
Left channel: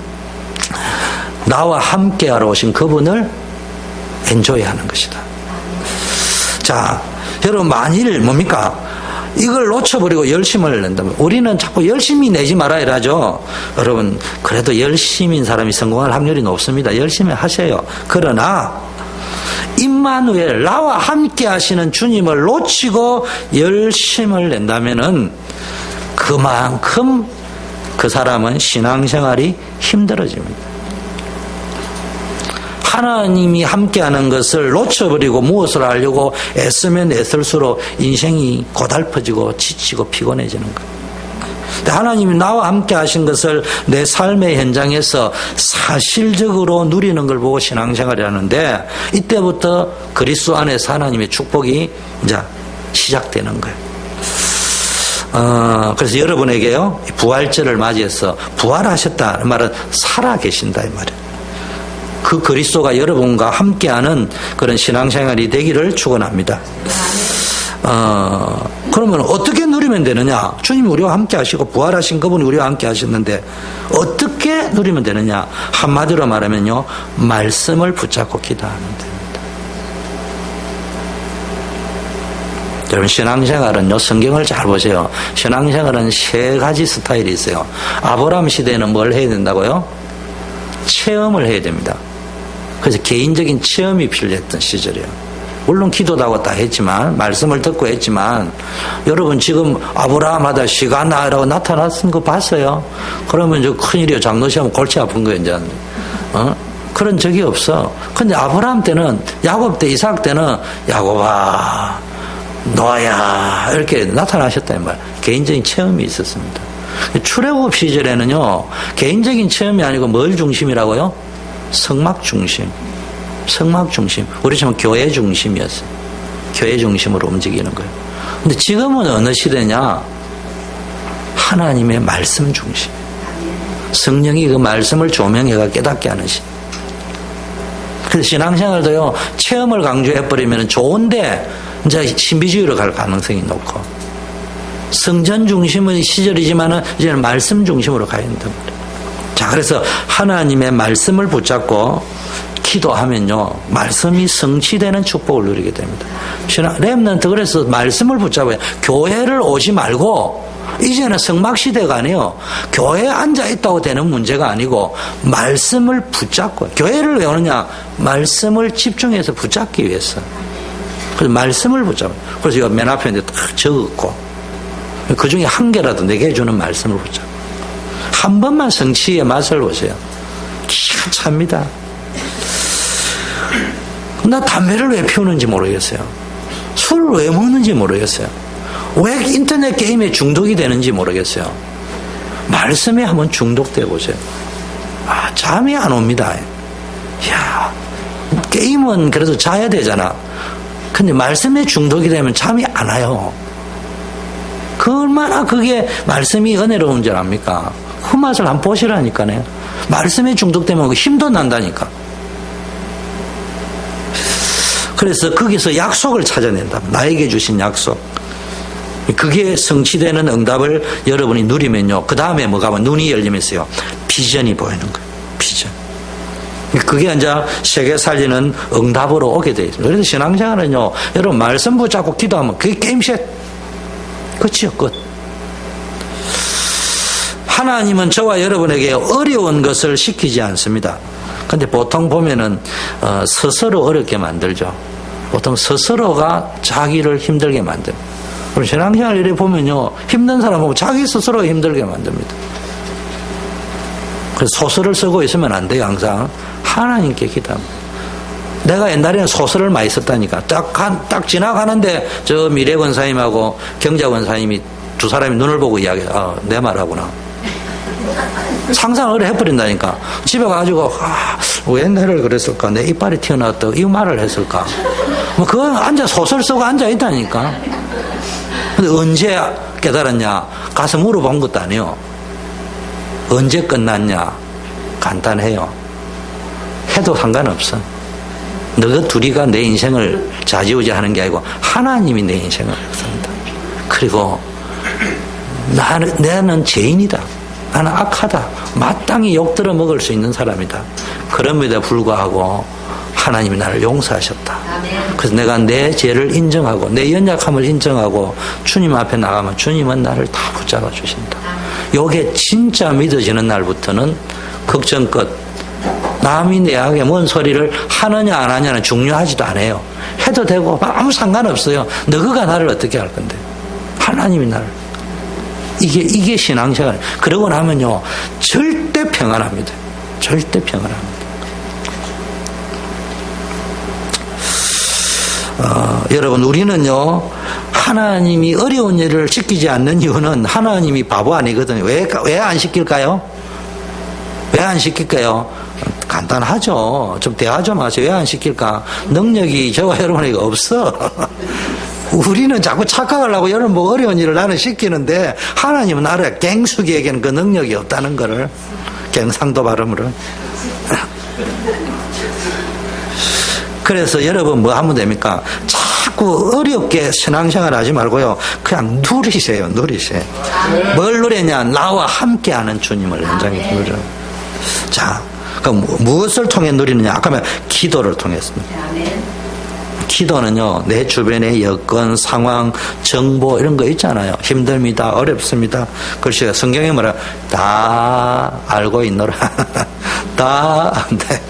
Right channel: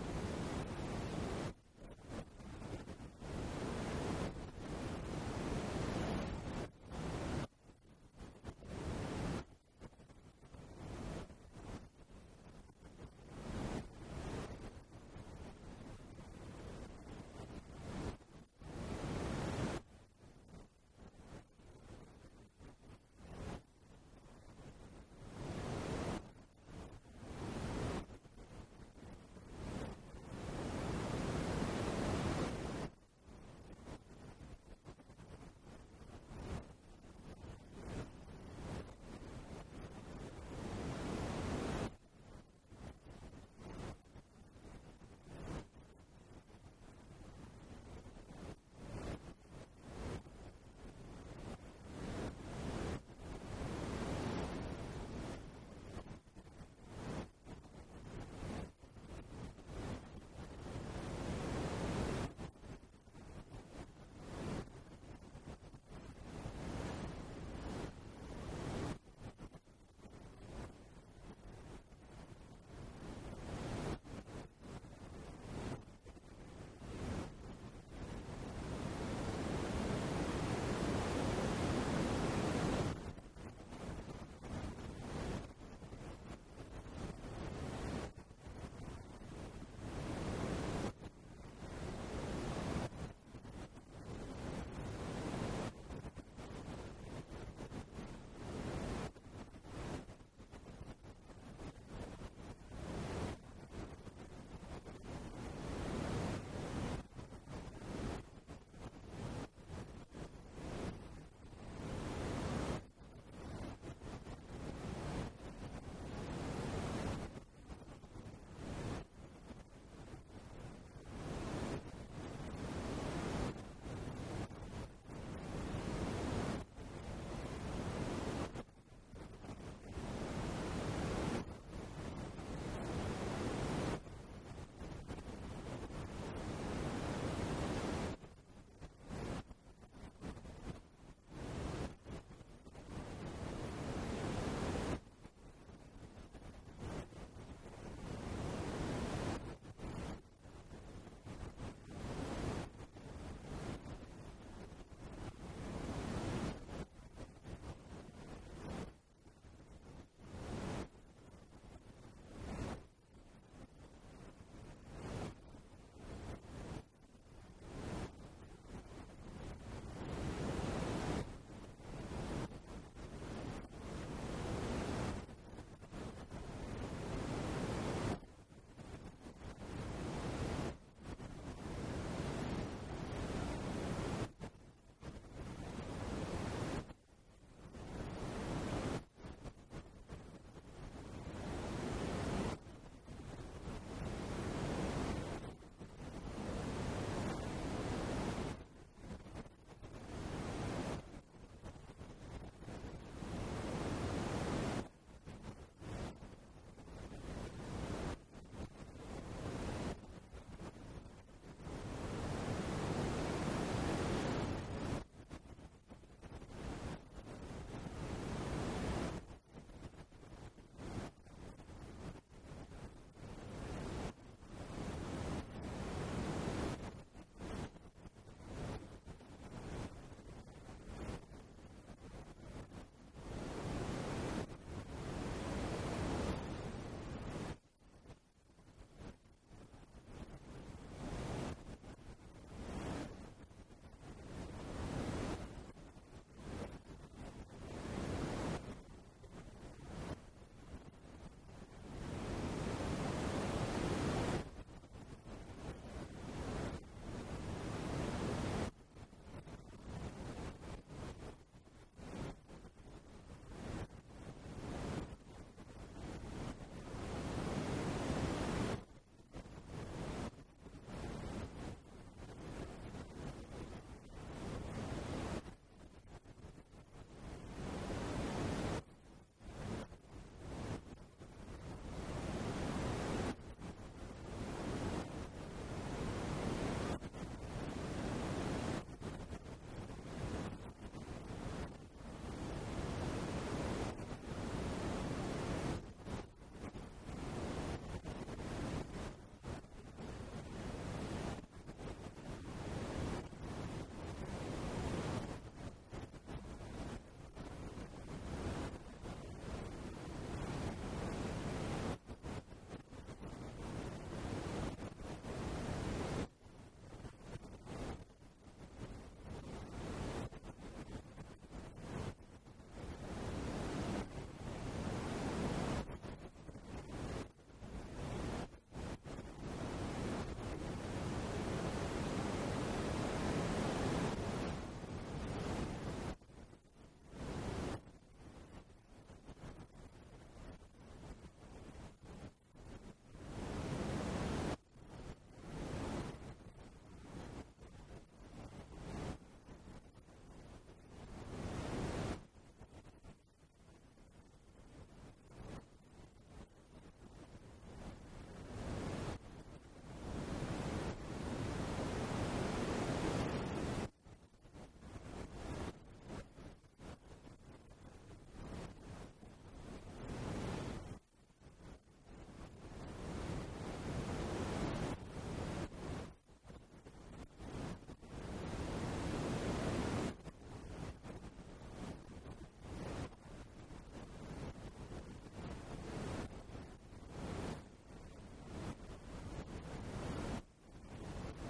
나와 함께하러 오신 그분을 엔조이하는 것이다. 자, 여러분 만일 뭡니까? 이걸 놓쳐버리고 열심을 낸다면 우리는 자꾸 열심히 내지 말아야 하죠. 여러분 그래도 열심인 사람이 성공할 확률이 높습니다. 열심히 하세요. 그러나 임마누엘 나와 함께 하시는 주님을 놓치고 열심을 낸다면은 그만큼 그 사람은 신앙생활이 힘들어집니다. 하나님이 함께하는 것을 놓쳐버리고 무엇을 하려고 애쓰면 애쓸수록 인생이 고달퍼지고 지치고 피곤해지는 거예요. 근데 하나님이 나와 함께 하신 것을 내 삶의 현장에서 사실적으로 누리는 걸 보고 신앙생활을 하는데 이때부터 그리스도 안에서 하나님의 축복이 이제 시작되는 거예요. 그래서 여러분에게요 부활절을 맞이해서 부활하셨다는 말은 살아계신다 이 말이에요. 그 그리스도가 여러분과 함께하는 그런 신앙생활이 되기를 축원합니다. 그러면 어떻게 누리면 되느냐? 주님이 우리와 함께 하시고 부활하신 그분이 우리와 함께 하셨는데 어떻게 누리면 되느냐? 한마디로 말하면요 말씀을 붙잡고 기도하면 됩니다. 여러분 신앙생활은요 성경을 잘 보세요. 신앙생활은 세 가지 스타일이 있어요. 아브라함 시대에는 뭘 해야 된다고요? 체험을 해야 됩니다. 그래서 개인적인 체험이 필요했던 시절이에요. 물론 기도도 하고 다 했지만 말씀을 듣고 했지만 여러분 지금 아브라함 하다 시간나라고 나타났은 거 봤어요? 그러면 저 큰일이요. 장로시하면 골치 아픈 거예요. 이제 그런 적이 없어. 근데 아브라함 때는 야곱 때 이삭 때는 야곱아 노아야 이렇게 나타나셨다는 말. 개인적인 체험이 있었습니다. 출애굽 시절에는요 개인적인 체험이 아니고 뭘 중심이라고요? 성막 중심. 성막 중심. 우리 지금 교회 중심이었어요. 교회 중심으로 움직이는 거예요. 근데 지금은 어느 시대냐? 하나님의 말씀 중심. 성령이 그 말씀을 조명해가 깨닫게 하는 시. 그래서 신앙생활도요, 체험을 강조해버리면 좋은데, 이제 신비주의로 갈 가능성이 높고, 성전 중심의 시절이지만은, 이제는 말씀 중심으로 가야 된단 말이에요. 자, 그래서 하나님의 말씀을 붙잡고, 기도하면요, 말씀이 성취되는 축복을 누리게 됩니다. 렘넌트 그래서 말씀을 붙잡아요. 교회를 오지 말고, 이제는 성막시대가 아니에요. 교회에 앉아있다고 되는 문제가 아니고 말씀을 붙잡고, 교회를 왜 오느냐? 말씀을 집중해서 붙잡기 위해서. 그래서 말씀을 붙잡아요. 그래서 이거 맨 앞에 딱 적었고, 그 중에 한 개라도 내게 해주는 말씀을 붙잡고, 한 번만 성취의 맛을 보세요. 기가 찹니다. 나 담배를 왜 피우는지 모르겠어요. 술을 왜 먹는지 모르겠어요. 왜 인터넷 게임에 중독이 되는지 모르겠어요. 말씀에 한번 중독돼 보세요. 아, 잠이 안 옵니다. 이야, 게임은 그래도 자야 되잖아. 근데 말씀에 중독이 되면 잠이 안 와요. 그 얼마나 그게 말씀이 은혜로운 줄 압니까? 그 맛을 한번 보시라니까요. 말씀에 중독되면 힘도 난다니까. 그래서 거기서 약속을 찾아낸다. 나에게 주신 약속. 그게 성취되는 응답을 여러분이 누리면요, 그 다음에 뭐가 하면 눈이 열리면서요, 비전이 보이는 거예요. 비전. 그게 이제 세계 살리는 응답으로 오게 되어 있습니다. 그래서 신앙생활은요, 여러분 말씀 붙잡고 기도하면 그게 게임셋. 끝이요, 끝. 하나님은 저와 여러분에게 어려운 것을 시키지 않습니다. 근데 보통 보면은 스스로 어렵게 만들죠. 보통 스스로가 자기를 힘들게 만듭니다. 그럼 신앙생활 이렇게 보면요, 힘든 사람 보면 자기 스스로 힘들게 만듭니다. 그래서 소설을 쓰고 있으면 안 돼요. 항상 하나님께 기도합니다. 내가 옛날에는 소설을 많이 썼다니까. 딱 지나가는데 저 미래 권사님하고 경자 권사님이 두 사람이 눈을 보고 이야기해요. 아, 내 말하구나. 상상을 해버린다니까. 집에 가가지고 왜 내를 그랬을까? 내 이빨이 튀어나왔다고 이 말을 했을까? 뭐 그거 소설 쓰고 앉아있다니까. 근데 언제 깨달았냐? 가서 물어본 것도 아니에요. 언제 끝났냐? 간단해요. 해도 상관없어. 너가 둘이가 내 인생을 좌지우지하는 게 아니고 하나님이 내 인생을 삽니다. 그리고 나는 죄인이다. 나는 악하다. 마땅히 욕들어 먹을 수 있는 사람이다. 그럼에도 불구하고 하나님이 나를 용서하셨다. 그래서 내가 내 죄를 인정하고 내 연약함을 인정하고 주님 앞에 나가면 주님은 나를 다 붙잡아 주신다. 요게 진짜 믿어지는 날부터는 걱정 끝. 남이 내에게 뭔 소리를 하느냐 안 하냐는 중요하지도 않아요. 해도 되고 아무 상관없어요. 너가 나를 어떻게 할 건데. 하나님이 나를. 이게 신앙생활. 그러고 나면요, 절대 평안합니다. 절대 평안합니다. 여러분, 우리는요, 하나님이 어려운 일을 시키지 않는 이유는 하나님이 바보 아니거든요. 왜 안 시킬까요? 왜 안 시킬까요? 간단하죠. 좀 대화 좀 하세요. 왜 안 시킬까? 능력이 저와 여러분에게 없어. 우리는 자꾸 착각하려고 여러분 뭐 어려운 일을 나는 시키는데 하나님은 알아요. 갱숙이에게는 그 능력이 없다는 거를. 경상도 발음으로. 그래서 여러분 뭐 하면 됩니까? 자꾸 어렵게 신앙생활 하지 말고요. 그냥 누리세요. 누리세요. 뭘 누리냐? 나와 함께하는 주님을 현장에 누려. 자, 그럼 무엇을 통해 누리느냐? 아까 말한 기도를 통했습니다. 기도는요, 내 주변의 여건, 상황, 정보 이런 거 있잖아요. 힘듭니다. 어렵습니다. 글쎄요, 성경에 뭐라 다 알고 있노라. 다 안돼.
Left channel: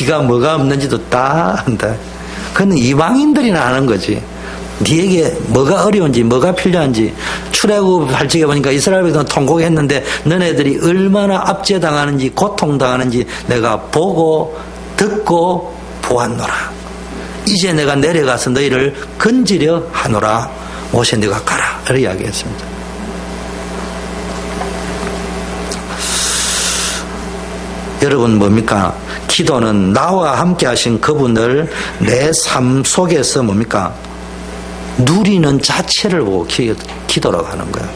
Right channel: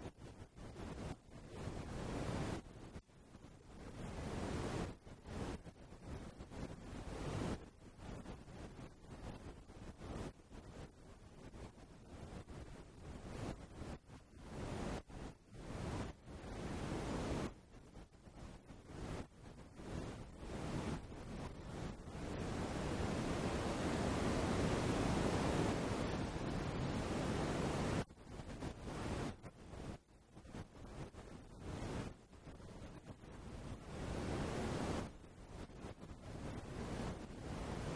네가 뭐가 없는지도 다 안돼. 그건 이방인들이나 하는 거지. 네에게 뭐가 어려운지 뭐가 필요한지. 출애굽 할적에 보니까 이스라엘 백성은 통곡했는데 너네들이 얼마나 압제당하는지 고통당하는지 내가 보고 듣고 보았노라. 이제 내가 내려가서 너희를 건지려 하노라. 모세 네가 가라. 이렇게 이야기했습니다. 여러분 뭡니까? 기도는 나와 함께 하신 그분을 내 삶 속에서 뭡니까? 누리는 자체를 보고 기도라고 하는 거예요.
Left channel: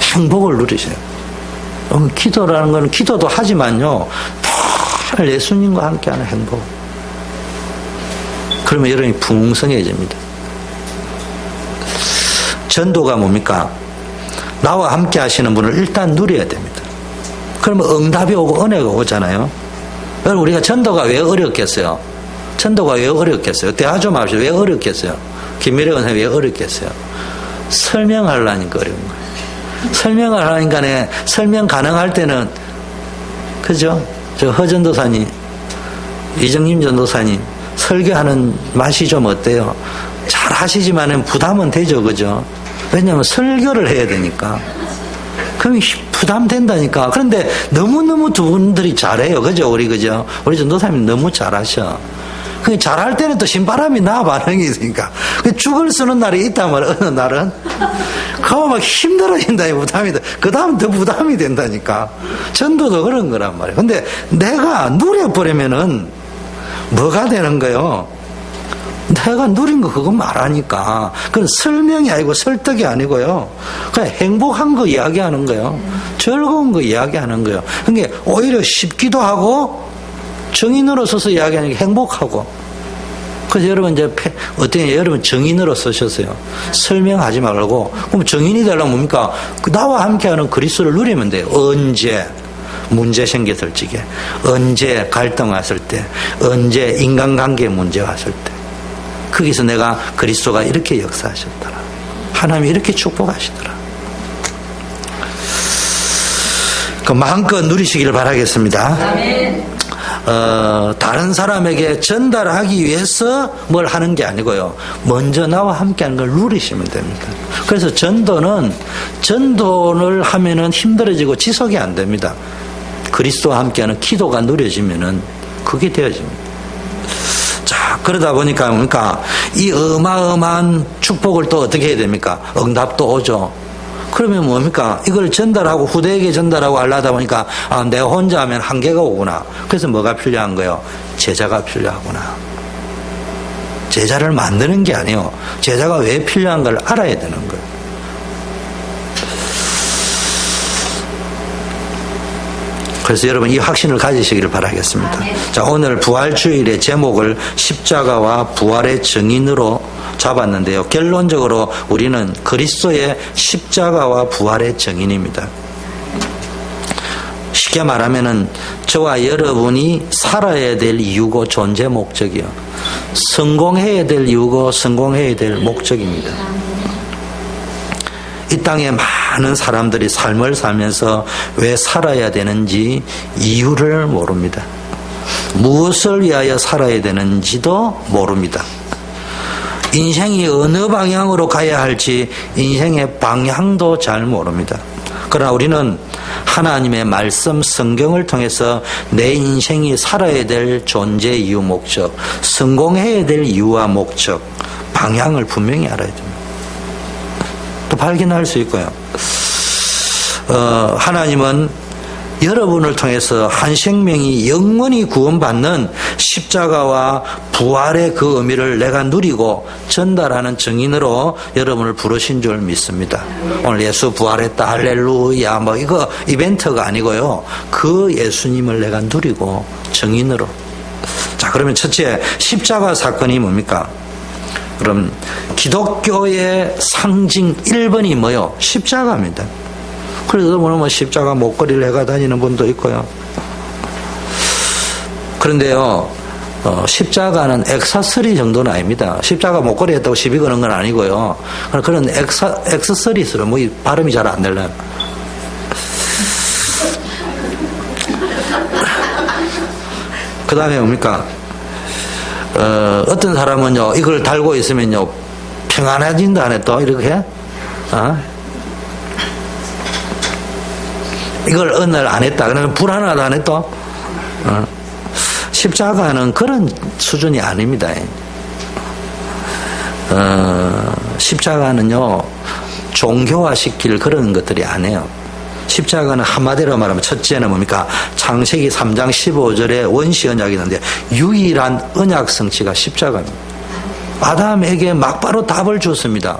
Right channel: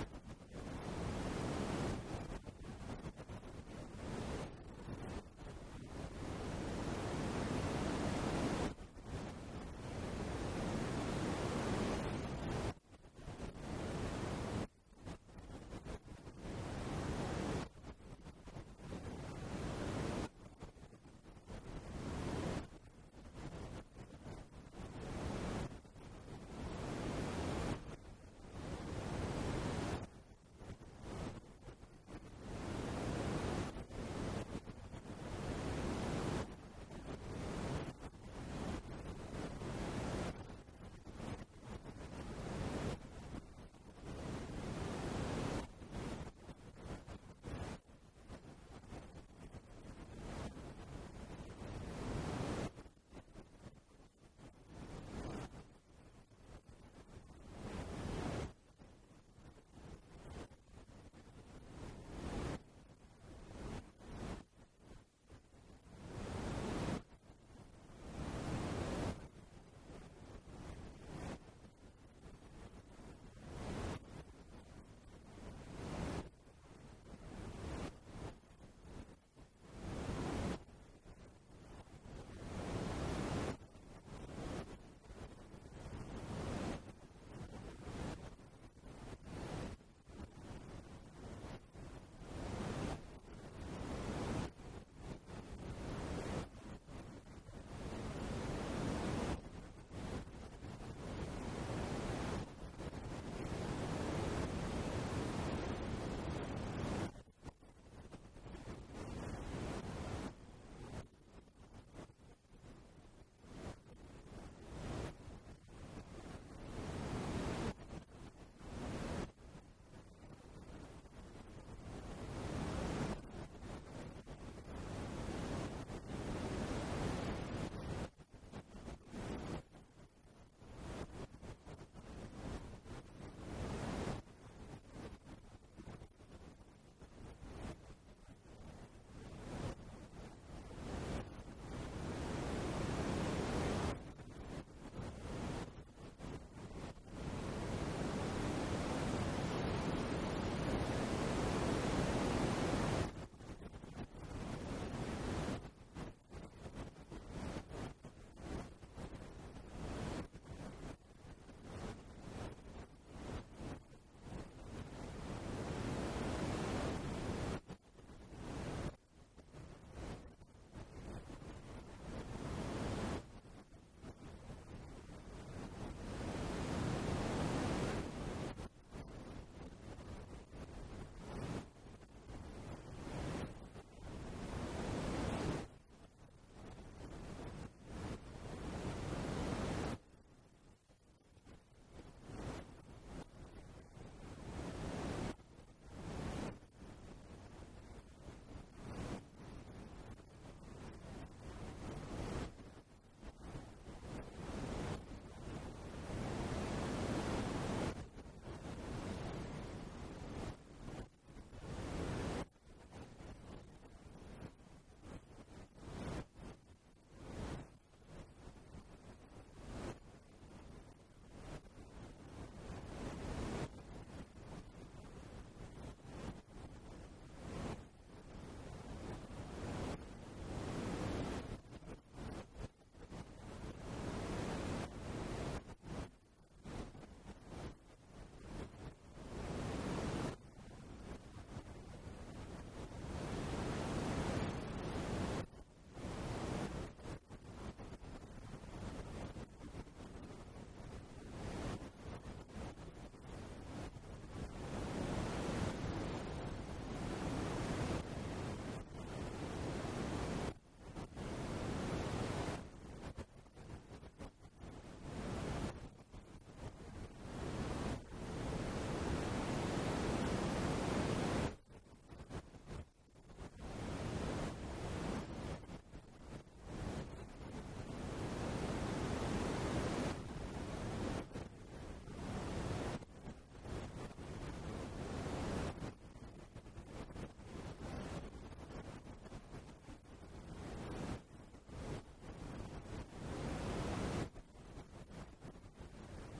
행복을 누리세요. 기도라는 건 기도도 하지만요, 늘 예수님과 함께하는 행복. 그러면 여러분이 풍성해집니다. 전도가 뭡니까? 나와 함께 하시는 분을 일단 누려야 됩니다. 그러면 응답이 오고 은혜가 오잖아요. 여러분, 우리가 전도가 왜 어렵겠어요? 전도가 왜 어렵겠어요? 대화 좀 합시다. 왜 어렵겠어요? 김미래 원사님 왜 어렵겠어요? 설명하려니까 어려운 거예요. 설명을 하니까 설명 가능할 때는, 그죠? 저 허전도사님, 이정님 전도사님, 설교하는 맛이 좀 어때요? 잘 하시지만은 부담은 되죠, 그죠? 왜냐하면 설교를 해야 되니까. 그럼 부담된다니까. 그런데 너무너무 두 분들이 잘해요, 그죠? 그죠? 우리 전도사님 너무 잘하셔. 잘할 때는 또 신바람이 나 반응이 있으니까. 죽을 쓰는 날이 있단 말이야, 어느 날은. 그거 막 힘들어진다, 부담이 돼. 그 다음 더 부담이 된다니까. 전도도 그런 거란 말이야. 근데 내가 누려버리면은 뭐가 되는 거요? 내가 누린 거 그거 말하니까. 그건 설명이 아니고 설득이 아니고요. 그냥 행복한 거 이야기하는 거예요. 즐거운 거 이야기하는 거예요. 그러니까 오히려 쉽기도 하고 정인으로 써서 이야기하는 게 행복하고. 그래서 여러분 이제 어떻게 여러분 정인으로 쓰셨어요. 설명하지 말고. 그럼 정인이 되려면 뭡니까? 나와 함께하는 그리스도를 누리면 돼요. 언제 문제 생겼을 적에, 언제 갈등 왔을 때, 언제 인간관계 문제 왔을 때. 거기서 내가 그리스도가 이렇게 역사하셨더라. 하나님이 이렇게 축복하시더라. 그 마음껏 누리시기를 바라겠습니다. 아멘. 다른 사람에게 전달하기 위해서 뭘 하는 게 아니고요. 먼저 나와 함께하는 걸 누리시면 됩니다. 그래서 전도를 하면은 힘들어지고 지속이 안 됩니다. 그리스도와 함께하는 기도가 누려지면은 그게 되어집니다. 자, 그러다 보니까 뭡니까? 이 어마어마한 축복을 또 어떻게 해야 됩니까? 응답도 오죠. 그러면 뭡니까? 이걸 전달하고 후대에게 전달하고 하려다 보니까 내가 혼자 하면 한계가 오구나. 그래서 뭐가 필요한 거예요? 제자가 필요하구나. 제자를 만드는 게 아니에요. 제자가 왜 필요한가를 알아야 되는 거예요. 그래서 여러분 이 확신을 가지시기를 바라겠습니다. 자, 오늘 부활주일의 제목을 십자가와 부활의 증인으로 잡았는데요. 결론적으로 우리는 그리스도의 십자가와 부활의 증인입니다. 쉽게 말하면은 저와 여러분이 살아야 될 이유고 존재 목적이요. 성공해야 될 이유고 성공해야 될 목적입니다. 이 땅에 많은 사람들이 삶을 살면서 왜 살아야 되는지 이유를 모릅니다. 무엇을 위하여 살아야 되는지도 모릅니다. 인생이 어느 방향으로 가야 할지 인생의 방향도 잘 모릅니다. 그러나 우리는 하나님의 말씀 성경을 통해서 내 인생이 살아야 될 존재 이유 목적, 성공해야 될 이유와 목적, 방향을 분명히 알아야 됩니다. 또 발견할 수 있고요. 하나님은 여러분을 통해서 한 생명이 영원히 구원받는 십자가와 부활의 그 의미를 내가 누리고 전달하는 증인으로 여러분을 부르신 줄 믿습니다. 오늘 예수 부활했다 할렐루야 뭐 이거 이벤트가 아니고요. 그 예수님을 내가 누리고 증인으로. 자, 그러면 첫째 십자가 사건이 뭡니까? 그럼 기독교의 상징 1번이 뭐요? 십자가입니다. 그래서 뭐 십자가 목걸이를 해가 다니는 분도 있고요. 그런데요, 십자가는 액세서리 정도는 아닙니다. 십자가 목걸이 했다고 시비 거는 건 아니고요. 그런 액세서리스로 뭐 발음이 잘 안 되려면. 그 다음에 뭡니까? 어떤 사람은요, 이걸 달고 있으면요, 평안해진다 하네, 또, 이렇게. 이걸 어느 날 안 했다. 그러면 불안하다 하네, 또. 십자가는 그런 수준이 아닙니다. 십자가는요, 종교화시킬 그런 것들이 아니에요. 십자가는 한마디로 말하면 첫째는 뭡니까? 창세기 3장 15절에 원시 언약이 있는데 유일한 언약 성취가 십자가입니다. 아담에게 막바로 답을 줬습니다.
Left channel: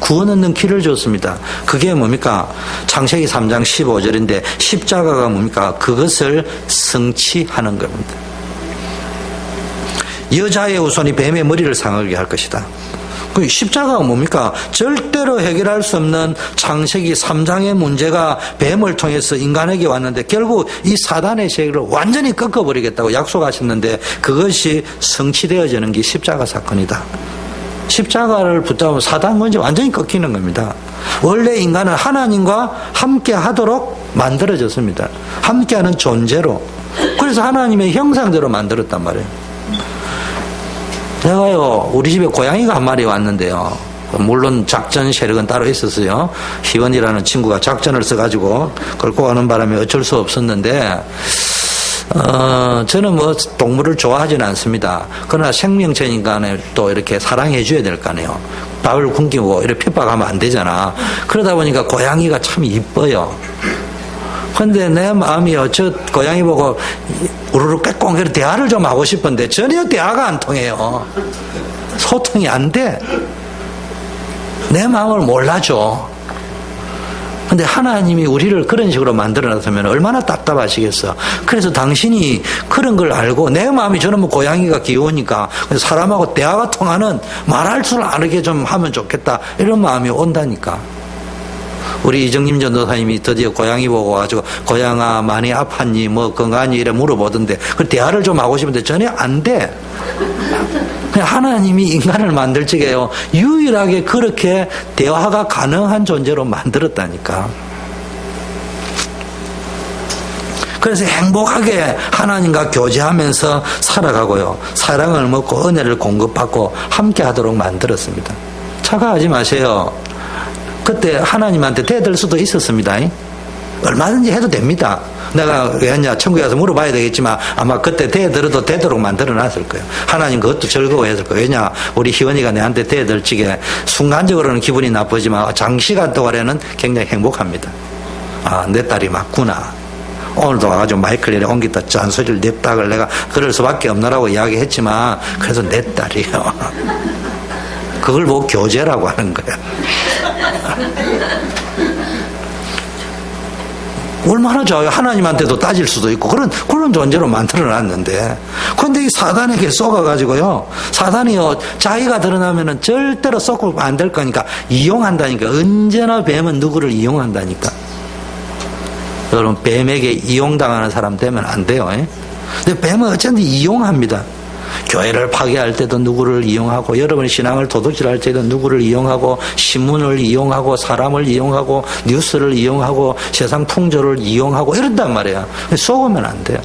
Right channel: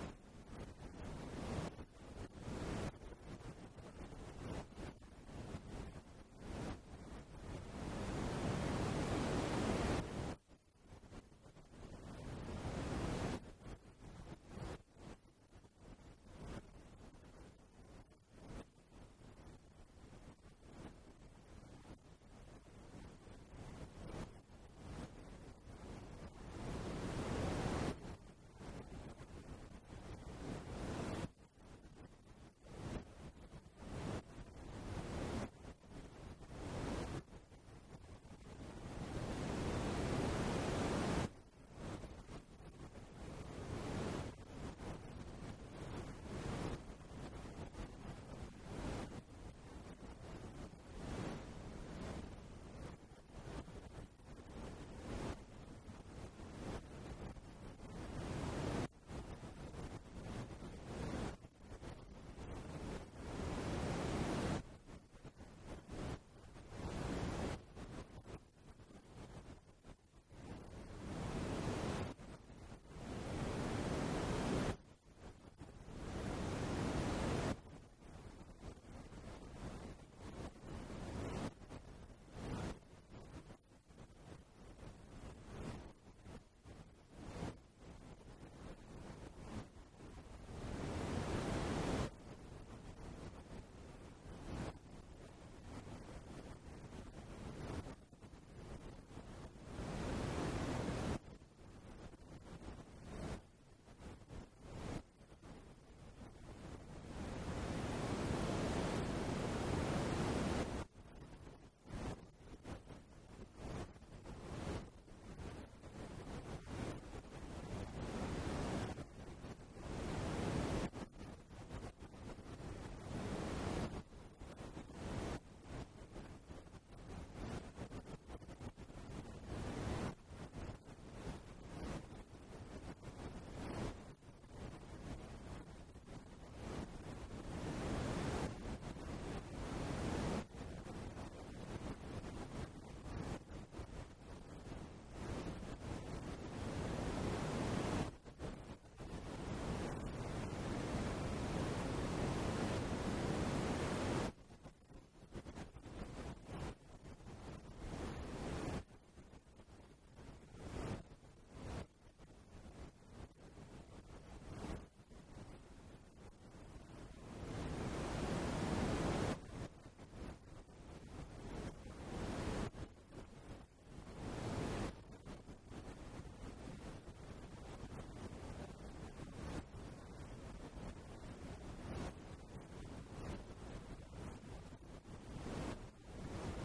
구원 얻는 길을 줬습니다. 그게 뭡니까? 창세기 3장 15절인데 십자가가 뭡니까? 그것을 성취하는 겁니다. 여자의 후손이 뱀의 머리를 상하게 할 것이다. 그 십자가가 뭡니까? 절대로 해결할 수 없는 창세기 3장의 문제가 뱀을 통해서 인간에게 왔는데 결국 이 사단의 세계를 완전히 꺾어버리겠다고 약속하셨는데 그것이 성취되어지는 게 십자가 사건이다. 십자가를 붙잡으면 사단 문제 완전히 꺾이는 겁니다. 원래 인간은 하나님과 함께 하도록 만들어졌습니다. 함께하는 존재로. 그래서 하나님의 형상대로 만들었단 말이에요. 내가요, 우리 집에 고양이가 한 마리 왔는데요. 물론 작전 세력은 따로 있었어요. 희원이라는 친구가 작전을 써가지고 끌고 가는 바람에 어쩔 수 없었는데, 저는 뭐 동물을 좋아하지는 않습니다. 그러나 생명체니까 또 이렇게 사랑해 줘야 될 거 아니에요. 밥을 굶기고 이렇게 핍박하면 안 되잖아. 그러다 보니까 고양이가 참 이뻐요. 근데 내 마음이요, 저 고양이 보고 우르르 깨꽁 이렇게 대화를 좀 하고 싶은데 전혀 대화가 안 통해요. 소통이 안 돼. 내 마음을 몰라줘. 근데 하나님이 우리를 그런 식으로 만들어놨으면 얼마나 답답하시겠어. 그래서 당신이 그런 걸 알고 내 마음이 저는 뭐 고양이가 귀여우니까 사람하고 대화가 통하는 말할 줄 아는 좀 하면 좋겠다. 이런 마음이 온다니까. 우리 이정림 전도사님이 드디어 고양이 보고 와가지고 고양아 많이 아팠니 뭐 건강하니 이래 물어보던데 그 대화를 좀 하고 싶은데 전혀 안 돼. 그냥 하나님이 인간을 만들 적에요 유일하게 그렇게 대화가 가능한 존재로 만들었다니까. 그래서 행복하게 하나님과 교제하면서 살아가고요, 사랑을 먹고 은혜를 공급받고 함께 하도록 만들었습니다. 착각하지 마세요. 그때 하나님한테 대들 수도 있었습니다. 얼마든지 해도 됩니다. 내가 왜 했냐 천국에 가서 물어봐야 되겠지만 아마 그때 대들어도 되도록 만들어놨을 거예요. 하나님 그것도 즐거워했을 거예요. 왜냐 우리 희원이가 내한테 대들 적에 순간적으로는 기분이 나쁘지만 장시간 동안에는 굉장히 행복합니다. 아, 내 딸이 맞구나. 오늘도 와가지고 마이크를 옮기다 잔소리를 냅다가 내가 그럴 수밖에 없나라고 이야기했지만 그래서 내 딸이요. 그걸 보고 교제라고 하는 거야. 얼마나 좋아요. 하나님한테도 따질 수도 있고 그런 존재로 만들어놨는데, 그런데 이 사단에게 쏘가가지고요, 사단이요 자기가 드러나면은 절대로 쏘고 안 될 거니까 이용한다니까. 언제나 뱀은 누구를 이용한다니까. 여러분 뱀에게 이용당하는 사람 되면 안 돼요. 근데 뱀은 어쩐지 이용합니다. 교회를 파괴할 때도 누구를 이용하고, 여러분의 신앙을 도둑질할 때도 누구를 이용하고, 신문을 이용하고, 사람을 이용하고, 뉴스를 이용하고, 세상 풍조를 이용하고 이런단 말이에요. 속으면 안 돼요.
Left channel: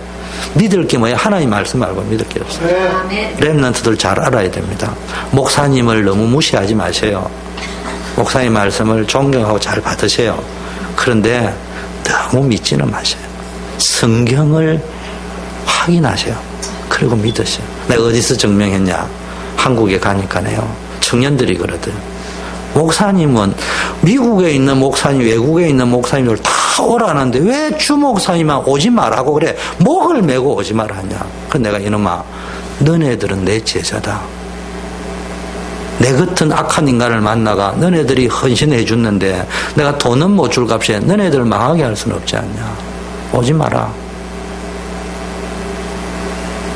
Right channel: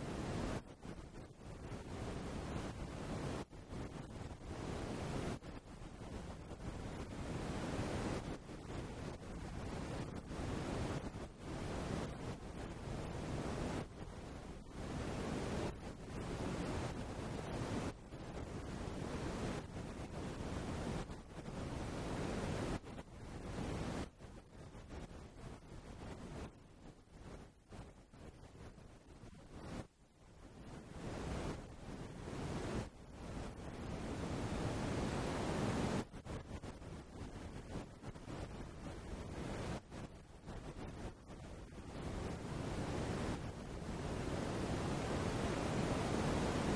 믿을 게 뭐예요? 하나님 말씀 말고 믿을 게 없어요. 렘넌트들 잘 알아야 됩니다. 목사님을 너무 무시하지 마세요. 목사님 말씀을 존경하고 잘 받으세요. 그런데 너무 믿지는 마세요. 성경을 확인하세요. 그리고 믿으세요. 내가 어디서 증명했냐? 한국에 가니까요, 청년들이 그러더라고요. 목사님은 미국에 있는 목사님, 외국에 있는 목사님들 다 오라는데 왜 주 목사님만 오지 말라고 그래? 목을 메고 오지 말하냐? 그 내가 이놈아, 너네들은 내 제자다. 내 같은 악한 인간을 만나가 너네들이 헌신해 줬는데 내가 돈은 못 줄 값에 너네들을 망하게 할 수는 없지 않냐? 오지 마라.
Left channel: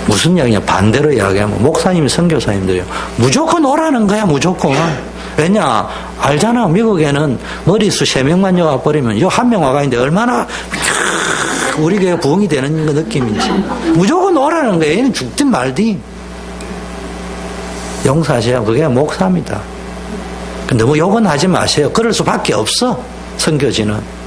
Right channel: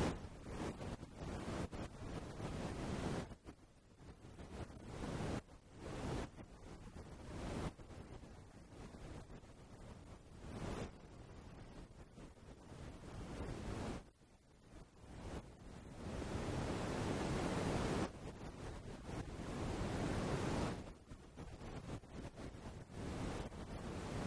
무슨 이야기냐? 반대로 이야기하면 목사님, 선교사님들이요, 무조건 오라는 거야. 무조건. 왜냐? 알잖아. 미국에는 머리수 3명만 여와 버리면 요 1명 와가 있는데 얼마나 우리 교회가 부흥이 되는 그 느낌인지. 무조건 오라는 거야. 얘는 죽든 말든. 용서하세요. 그게 목사입니다. 너무 욕은 하지 마세요. 그럴 수밖에 없어. 선교지는.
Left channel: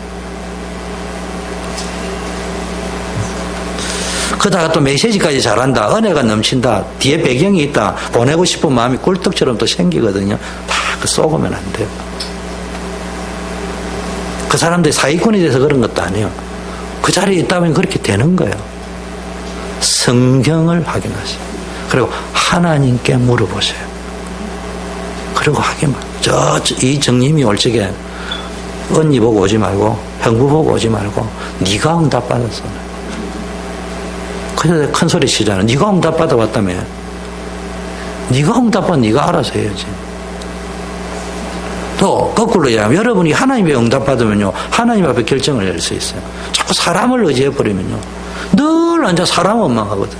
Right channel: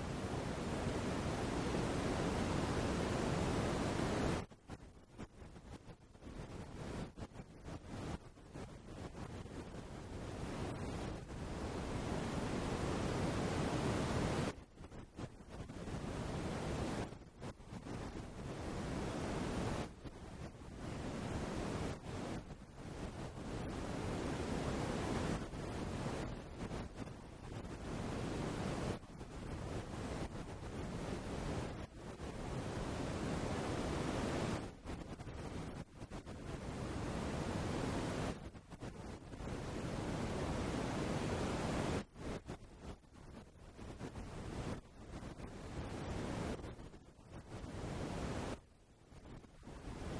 그러다가 또 메시지까지 잘한다, 은혜가 넘친다, 뒤에 배경이 있다, 보내고 싶은 마음이 꿀떡처럼 또 생기거든요. 다 그 쏘으면 안 돼요. 그 사람들이 사기꾼이 돼서 그런 것도 아니에요. 그 자리에 있다면 그렇게 되는 거예요. 성경을 확인하세요. 그리고 하나님께 물어보세요. 그리고 하기만. 이 정님이 올 적에 언니 보고 오지 말고 형부 보고 오지 말고 네가 응답 받았어. 그래서 큰 소리 치잖아. 네가 응답 받아봤다며. 네가 응답 받아 네가 알아서 해야지. 또 거꾸로 얘기하면 여러분이 하나님의 응답받으면요, 하나님 앞에 결정을 내릴 수 있어요. 자꾸 사람을 의지해버리면요, 늘 앉아 사람 원망하거든.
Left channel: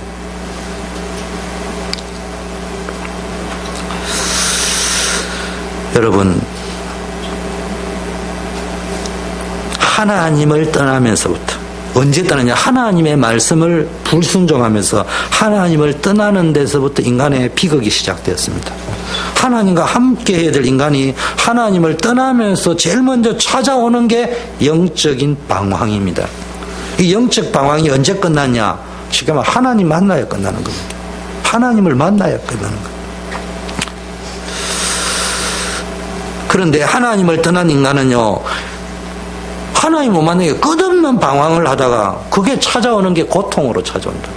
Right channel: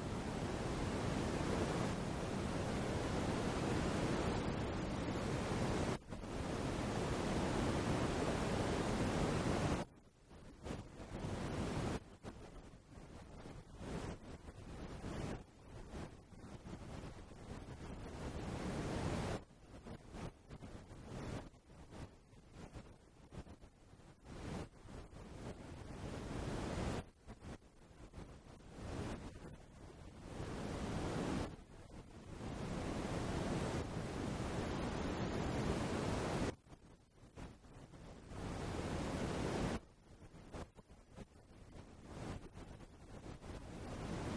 여러분, 하나님을 떠나면서부터, 언제 떠나냐? 하나님의 말씀을 불순종하면서 하나님을 떠나는 데서부터 인간의 비극이 시작되었습니다. 하나님과 함께 해야 될 인간이 하나님을 떠나면서 제일 먼저 찾아오는 게 영적인 방황입니다. 이 영적 방황이 언제 끝났냐? 쉽게 말하면 하나님 만나야 끝나는 겁니다. 하나님을 만나야 끝나는 겁니다. 그런데 하나님을 떠난 인간은요, 하나님 못 만나게 끝없는 방황을 하다가 그게 찾아오는 게 고통으로 찾아온다.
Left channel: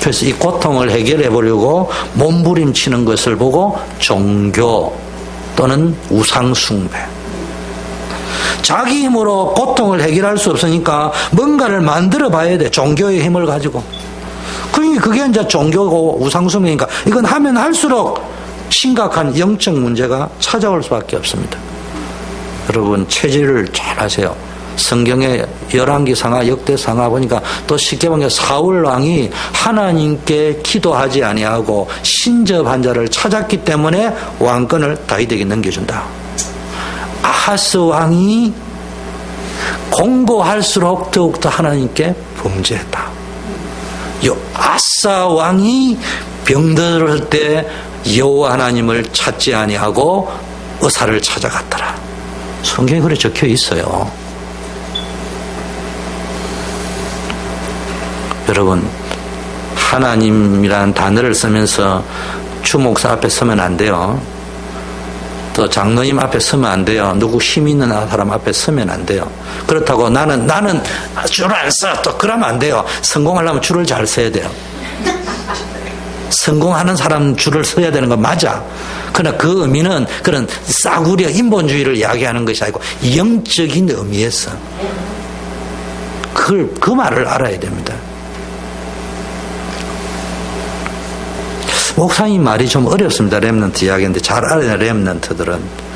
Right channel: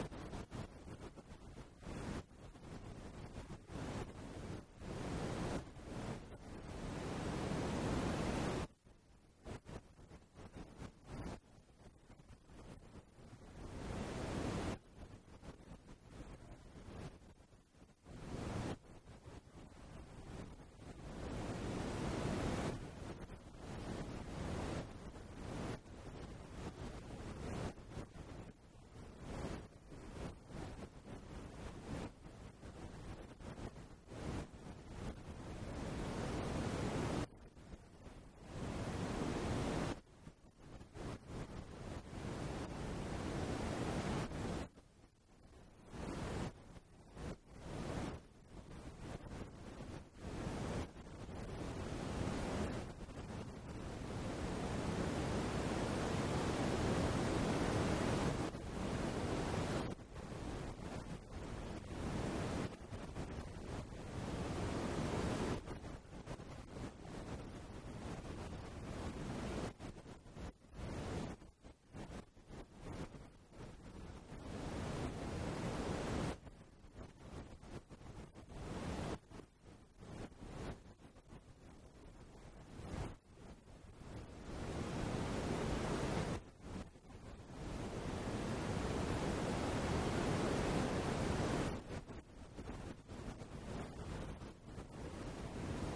그래서 이 고통을 해결해 보려고 몸부림치는 것을 보고 종교 또는 우상숭배, 자기 힘으로 고통을 해결할 수 없으니까 뭔가를 만들어 봐야 돼. 종교의 힘을 가지고. 그러니까 그게 이제 종교고 우상숭배니까 이건 하면 할수록 심각한 영적 문제가 찾아올 수밖에 없습니다. 여러분, 체질을 잘 아세요. 성경의 열왕기상하, 역대상하 보니까 또 쉽게 보면 사울 왕이 하나님께 기도하지 아니하고 신접한 자를 찾았기 때문에 왕권을 다윗에게 넘겨준다. 아하스 왕이 공고할수록 더욱더 하나님께 범죄했다. 아사 왕이 병들을 때 여호와 하나님을 찾지 아니하고 의사를 찾아갔더라. 성경에 그래 적혀 있어요. 여러분, 하나님이라는 단어를 쓰면서 주목사 앞에 서면 안 돼요. 또 장로님 앞에 서면 안 돼요. 누구 힘 있는 사람 앞에 서면 안 돼요. 그렇다고 나는 줄을 안 서. 또 그러면 안 돼요. 성공하려면 줄을 잘 서야 돼요. 성공하는 사람 줄을 서야 되는 건 맞아. 그러나 그 의미는 그런 싸구려 인본주의를 이야기하는 것이 아니고 영적인 의미에서 그 말을 알아야 됩니다. 목사님 말이 좀 어렵습니다. 렘넌트 이야기인데 잘 알아야 렘넌트들은.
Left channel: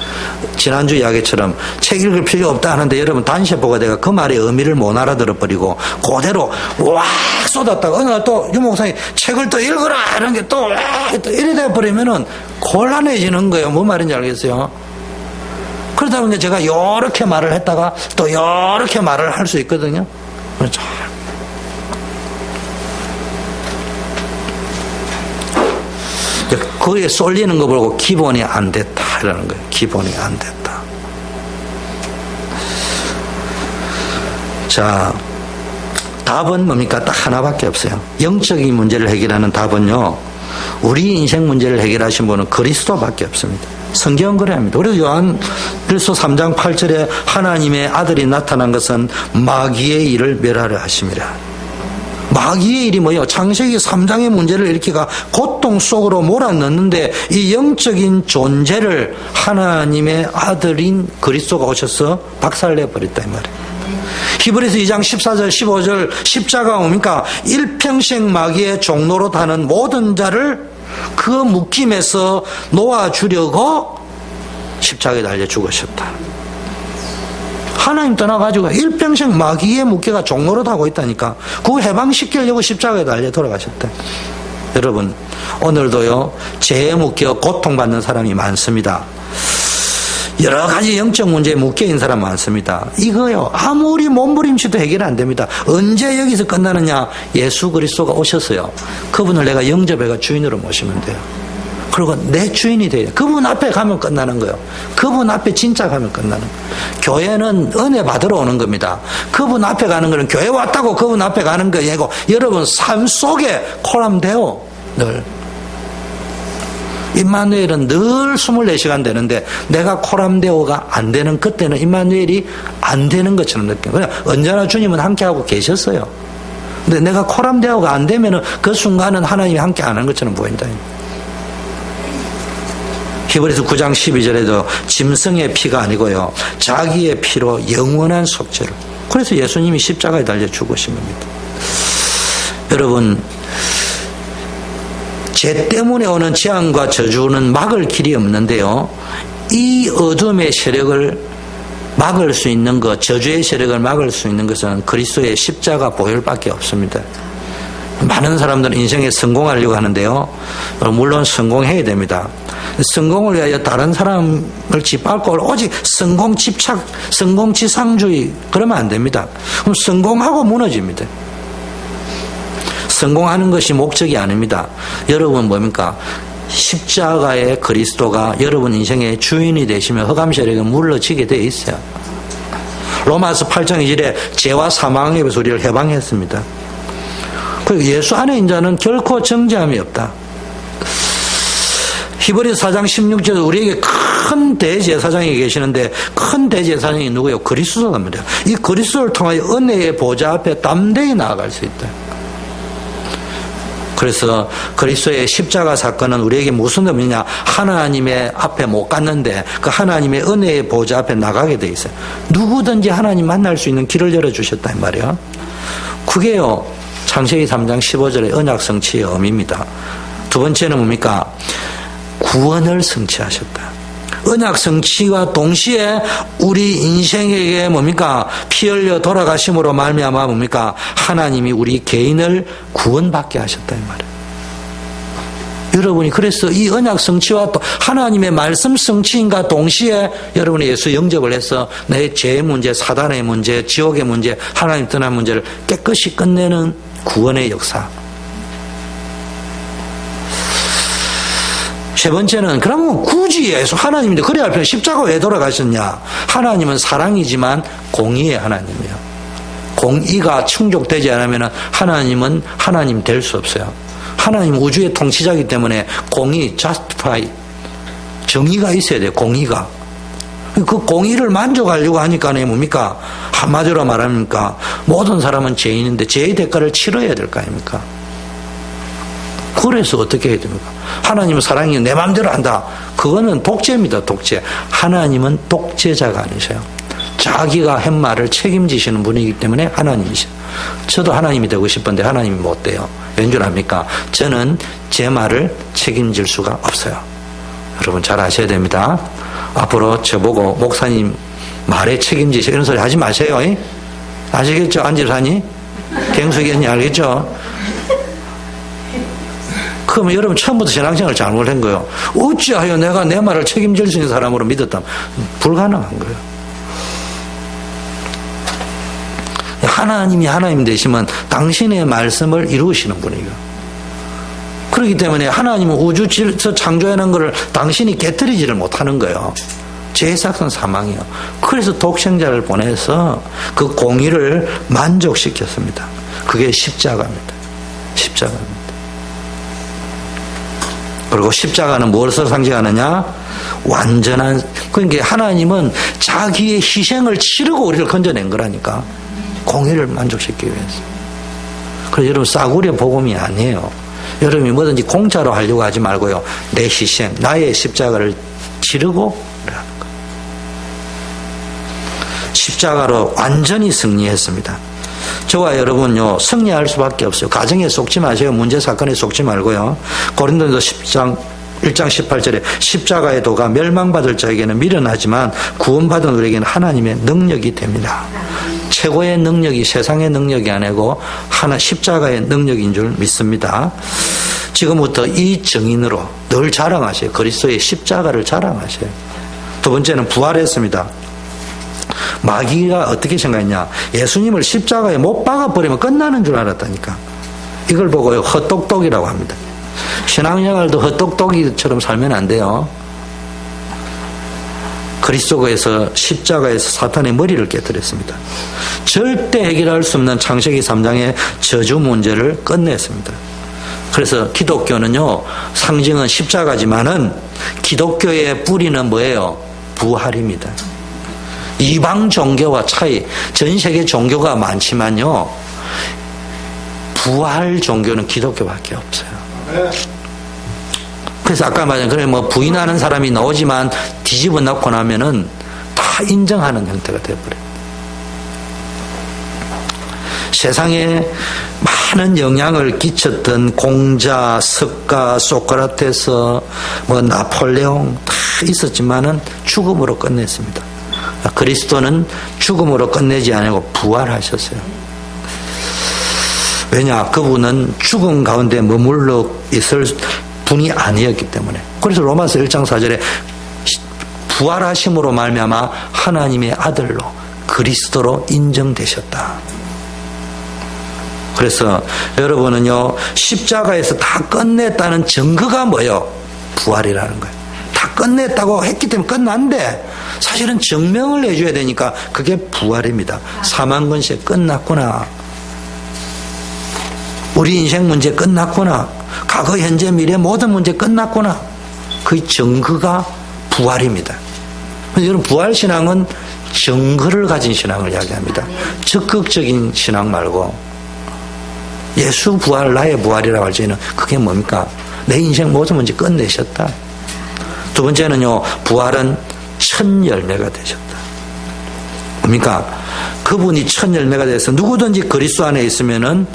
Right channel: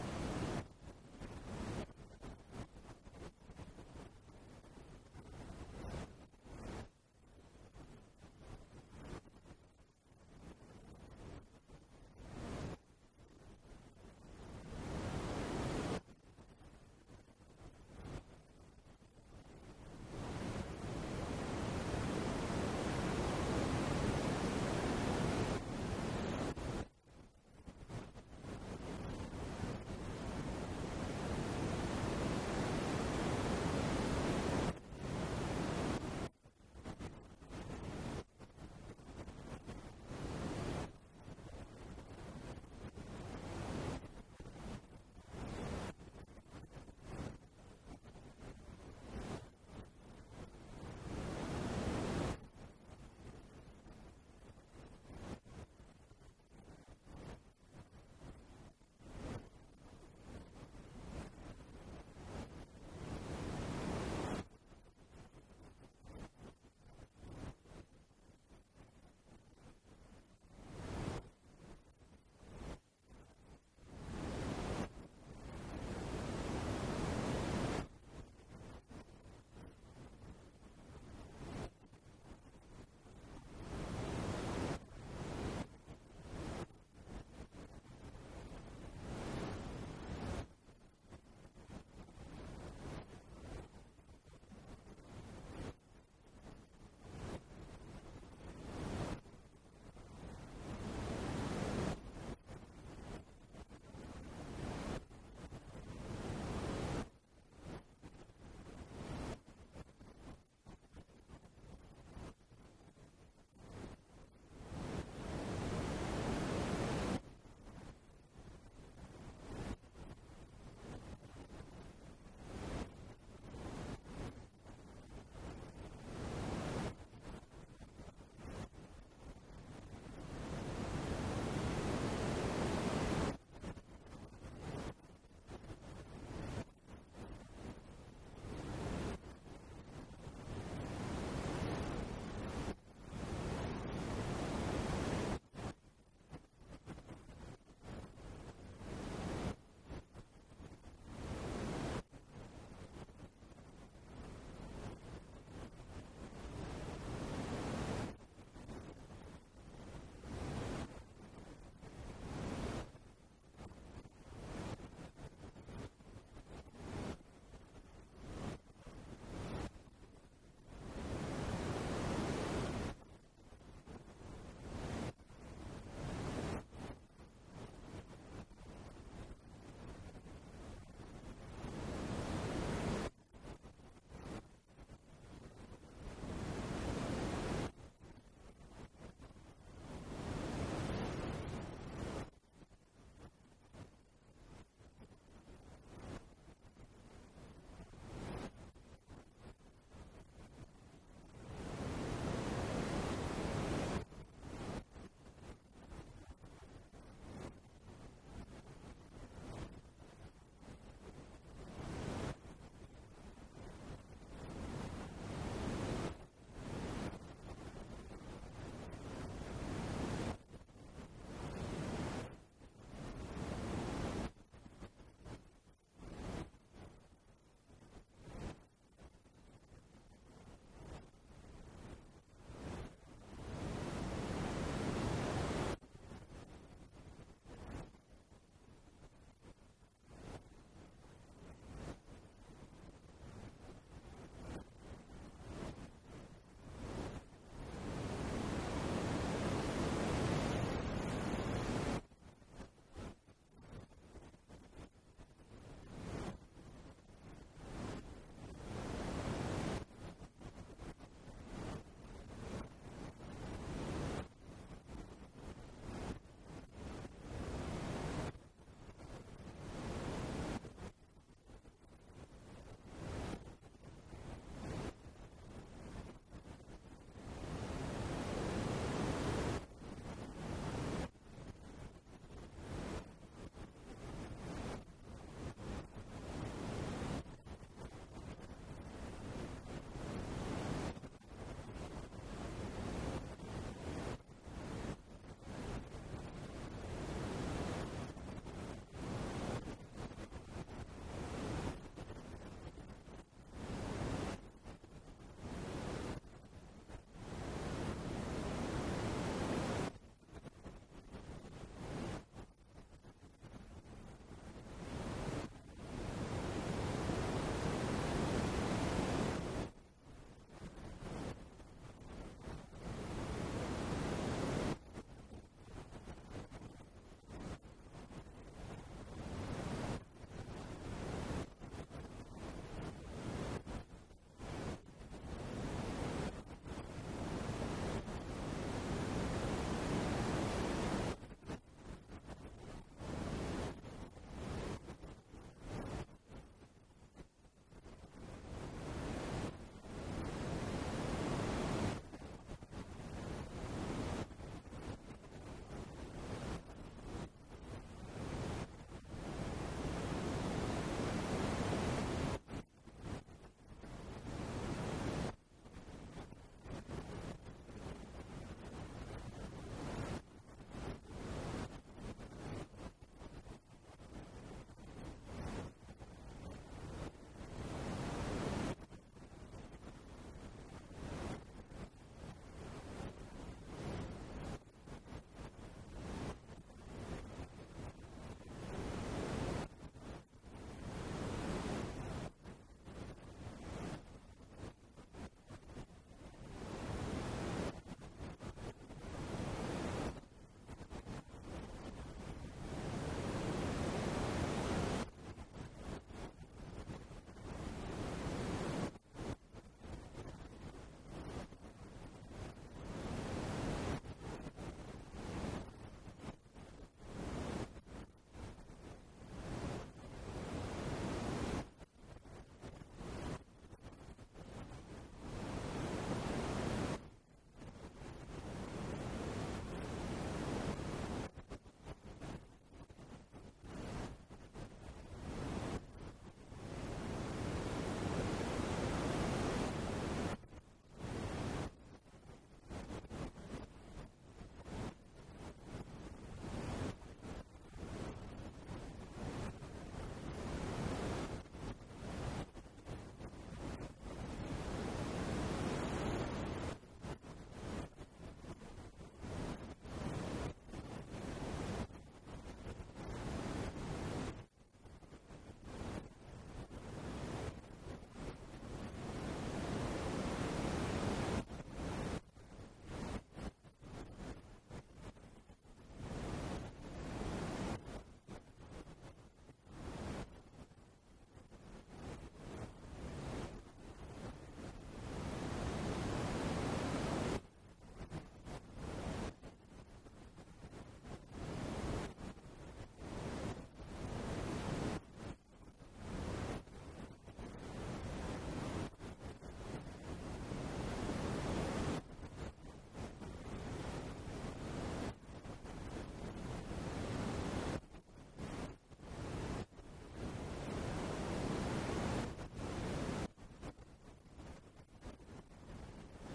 지난주 이야기처럼 책 읽을 필요 없다 하는데 여러분 단체보가 내가 그 말의 의미를 못 알아들어버리고 그대로 와 쏟았다가 어느 날 또 유 목사님 책을 또 읽어라 이런 게 또 이래 돼버리면은 곤란해지는 거예요. 뭔 말인지 알겠어요? 그러다 보니까 제가 이렇게 말을 했다가 또 이렇게 말을 할 수 있거든요. 그렇죠. 거기에 쏠리는 거 보고 기본이 안 됐다 이러는 거예요. 기본이 안 됐다. 자, 답은 뭡니까? 딱 하나밖에 없어요. 영적인 문제를 해결하는 답은요, 우리 인생 문제를 해결하신 분은 그리스도밖에 없습니다. 성경은 그래야 합니다. 그래서 요한일서 3장 8절에 하나님의 아들이 나타난 것은 마귀의 일을 멸하려 하심이라. 마귀의 일이 뭐예요? 창세기 3장의 문제를 일으키가 고통 속으로 몰아넣는데 이 영적인 존재를 하나님의 아들인 그리스도가 오셔서 박살내버렸다 이 말이에요. 히브리서 2장 14절 15절 십자가 뭡니까? 일평생 마귀의 종로로 다는 모든 자를 그 묶임에서 놓아주려고 십자가에 달려 죽으셨다. 하나님 떠나가지고 일평생 마귀의 무게가 종로로 타고 있다니까. 그거 해방시키려고 십자가에 달려 돌아가셨다. 여러분, 오늘도요, 죄에 묶여 고통받는 사람이 많습니다. 여러 가지 영적 문제에 묶여있는 사람 많습니다. 이거요, 아무리 몸부림치도 해결 안 됩니다. 언제 여기서 끝나느냐? 예수 그리스도가 오셨어요. 그분을 내가 영접해가 주인으로 모시면 돼요. 그리고 내 주인이 돼요. 그분 앞에 가면 끝나는 거예요. 그분 앞에 진짜 가면 끝나는 거예요. 교회는 은혜 받으러 오는 겁니다. 그분 앞에 가는 거는 교회 왔다고 그분 앞에 가는 거 아니고 여러분 삶 속에 코람데오 늘. 임마누엘은 늘 24시간 되는데 내가 코람데오가 안 되는 그때는 임마누엘이 안 되는 것처럼 느껴요. 그냥 언제나 주님은 함께하고 계셨어요. 근데 내가 코람데오가 안 되면은 그 순간은 하나님이 함께 안 하는 것처럼 보인다. 히브리서 9장 12절에도 짐승의 피가 아니고요, 자기의 피로 영원한 속죄를. 그래서 예수님이 십자가에 달려 죽으신 겁니다. 여러분, 죄 때문에 오는 재앙과 저주는 막을 길이 없는데요, 이 어둠의 세력을 막을 수 있는 것, 저주의 세력을 막을 수 있는 것은 그리스도의 십자가 보혈밖에 없습니다. 많은 사람들은 인생에 성공하려고 하는데요. 물론 성공해야 됩니다. 성공을 위하여 다른 사람을 짓밟고 오직 성공 집착, 성공지상주의 그러면 안 됩니다. 그럼 성공하고 무너집니다. 성공하는 것이 목적이 아닙니다. 여러분 뭡니까? 십자가의 그리스도가 여러분 인생의 주인이 되시면 흑암 세력은 물러지게 되어 있어요. 로마서 8장 2절에 죄와 사망에서 우리를 해방했습니다. 그리고 예수 안에 있는 자는 결코 정죄함이 없다. 히브리서 4장 16절 우리에게 큰 대제사장이 계시는데 큰 대제사장이 누구예요? 그리스도입니다. 이 그리스도를 통하여 은혜의 보좌 앞에 담대히 나아갈 수 있다. 그래서 그리스도의 십자가 사건은 우리에게 무슨 의미냐? 하나님의 앞에 못 갔는데 그 하나님의 은혜의 보좌 앞에 나가게 돼 있어요. 누구든지 하나님 만날 수 있는 길을 열어주셨다 이 말이에요. 그게요 창세기 3장 15절의 언약 성취의 의미입니다. 두 번째는 뭡니까? 구원을 성취하셨다. 언약 성취와 동시에 우리 인생에게 뭡니까? 피 흘려 돌아가심으로 말미암아 뭡니까? 하나님이 우리 개인을 구원받게 하셨다 이 말이에요. 여러분이 그래서 이 언약 성취와 또 하나님의 말씀 성취인가 동시에 여러분이 예수 영접을 해서 내 죄의 문제, 사단의 문제, 지옥의 문제, 하나님 떠난 문제를 깨끗이 끝내는 구원의 역사. 세 번째는 그러면 굳이 예수 하나님인데 그래야 할 필요 십자가 왜 돌아가셨냐? 하나님은 사랑이지만 공의의 하나님이에요. 공의가 충족되지 않으면 하나님은 하나님 될 수 없어요. 하나님 우주의 통치자이기 때문에 공의, justify, 정의가 있어야 돼요. 공의가. 그 공의를 만족하려고 하니까 뭡니까? 한마디로 말합니까? 모든 사람은 죄인인데 죄의 대가를 치러야 될 거 아닙니까? 그래서 어떻게 해야 됩니까? 하나님은 사랑이 내 마음대로 한다. 그거는 독재입니다. 독재. 하나님은 독재자가 아니세요. 자기가 한 말을 책임지시는 분이기 때문에 하나님이세요. 저도 하나님이 되고 싶은데 하나님이 못 돼요. 왠 줄 압니까? 저는 제 말을 책임질 수가 없어요. 여러분 잘 아셔야 됩니다. 앞으로 저보고 목사님 말에 책임지시 이런 소리 하지 마세요. 아시겠죠? 안 집사님? 갱숙이언니 알겠죠? 그러면 여러분 처음부터 신앙생활을 잘못한 거예요. 어찌하여 내가 내 말을 책임질 수 있는 사람으로 믿었다면 불가능한 거예요. 하나님이 하나님 되시면 당신의 말씀을 이루시는 분이에요. 그렇기 때문에 하나님은 우주에서 창조해놓은 것을 당신이 깨뜨리지를 못하는 거예요. 죄의 삭은 사망이에요. 그래서 독생자를 보내서 그 공의를 만족시켰습니다. 그게 십자가입니다. 십자가입니다. 그리고 십자가는 무엇을 상징하느냐? 완전한, 그러니까 하나님은 자기의 희생을 치르고 우리를 건져낸 거라니까. 공의를 만족시키기 위해서. 그래서 여러분 싸구려 복음이 아니에요. 여러분이 뭐든지 공짜로 하려고 하지 말고요. 내 희생, 나의 십자가를 치르고 하는 거. 십자가로 완전히 승리했습니다. 저와 여러분요 승리할 수밖에 없어요. 가정에 속지 마세요. 문제 사건에 속지 말고요. 고린도전서 1장 18절에 십자가의 도가 멸망받을 자에게는 미련하지만 구원받은 우리에게는 하나님의 능력이 됩니다. 최고의 능력이 세상의 능력이 아니고 하나 십자가의 능력인 줄 믿습니다. 지금부터 이 정인으로 늘 자랑하세요. 그리스도의 십자가를 자랑하세요. 두 번째는 부활했습니다. 마귀가 어떻게 생각했냐? 예수님을 십자가에 못 박아버리면 끝나는 줄 알았다니까. 이걸 보고 헛똑똑이라고 합니다. 신앙생활도 헛똑똑이처럼 살면 안 돼요. 그리스도에서 십자가에서 사탄의 머리를 깨뜨렸습니다. 절대 해결할 수 없는 창세기 3장의 저주 문제를 끝냈습니다. 그래서 기독교는요 상징은 십자가지만은 기독교의 뿌리는 뭐예요? 부활입니다. 이방 종교와 차이, 전 세계 종교가 많지만요 부활 종교는 기독교밖에 없어요. 그래서 아까 말한 그래 뭐 부인하는 사람이 나오지만 뒤집어 놓고 나면은 다 인정하는 형태가 되어버려요. 세상에 많은 영향을 끼쳤던 공자, 석가, 소크라테스, 나폴레옹 다 있었지만은 죽음으로 끝냈습니다. 그리스도는 죽음으로 끝내지 않고 부활하셨어요. 왜냐? 그분은 죽음 가운데 머물러 있을 분이 아니었기 때문에. 그래서 로마서 1장 4절에 부활하심으로 말미암아 하나님의 아들로 그리스도로 인정되셨다. 그래서 여러분은요, 십자가에서 다 끝냈다는 증거가 뭐예요? 부활이라는 거예요. 다 끝냈다고 했기 때문에 끝났는데 사실은 증명을 해줘야 되니까 그게 부활입니다. 사망 권세 끝났구나. 우리 인생 문제 끝났구나. 과거, 현재, 미래 모든 문제 끝났구나. 그 증거가 부활입니다. 여러분, 부활신앙은 증거를 가진 신앙을 이야기합니다. 적극적인 신앙 말고 예수 부활, 나의 부활이라고 할 때는 그게 뭡니까? 내 인생 모든 문제 끝내셨다. 두 번째는요, 부활은 첫 열매가 되셨다. 뭡니까? 그분이 첫 열매가 돼서 누구든지 그리스도 안에 있으면은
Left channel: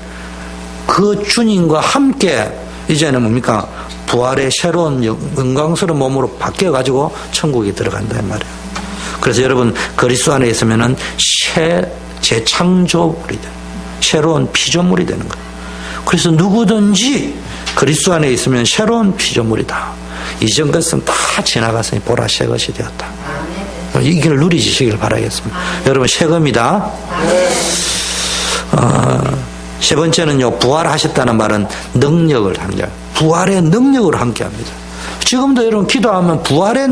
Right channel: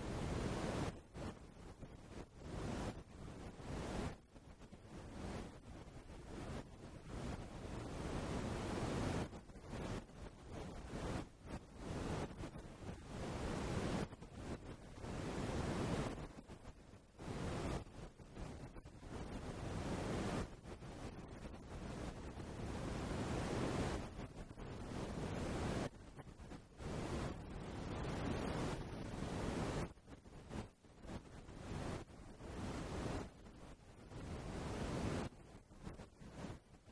그 주님과 함께 이제는 뭡니까? 부활의 새로운 영광스러운 몸으로 바뀌어가지고 천국에 들어간다는 말이에요. 그래서 여러분, 그리스도 안에 있으면은 재창조물이 돼요. 새로운 피조물이 되는 거예요. 그래서 누구든지 그리스도 안에 있으면 새로운 피조물이다. 이전 것은 다 지나갔으니 보라 새 것이 되었다. 이 길 누리시길 바라겠습니다. 여러분, 새 겁니다. 세 번째는요, 부활하셨다는 말은 능력을 함께, 부활의 능력을 함께 합니다. 지금도 여러분 기도하면 부활의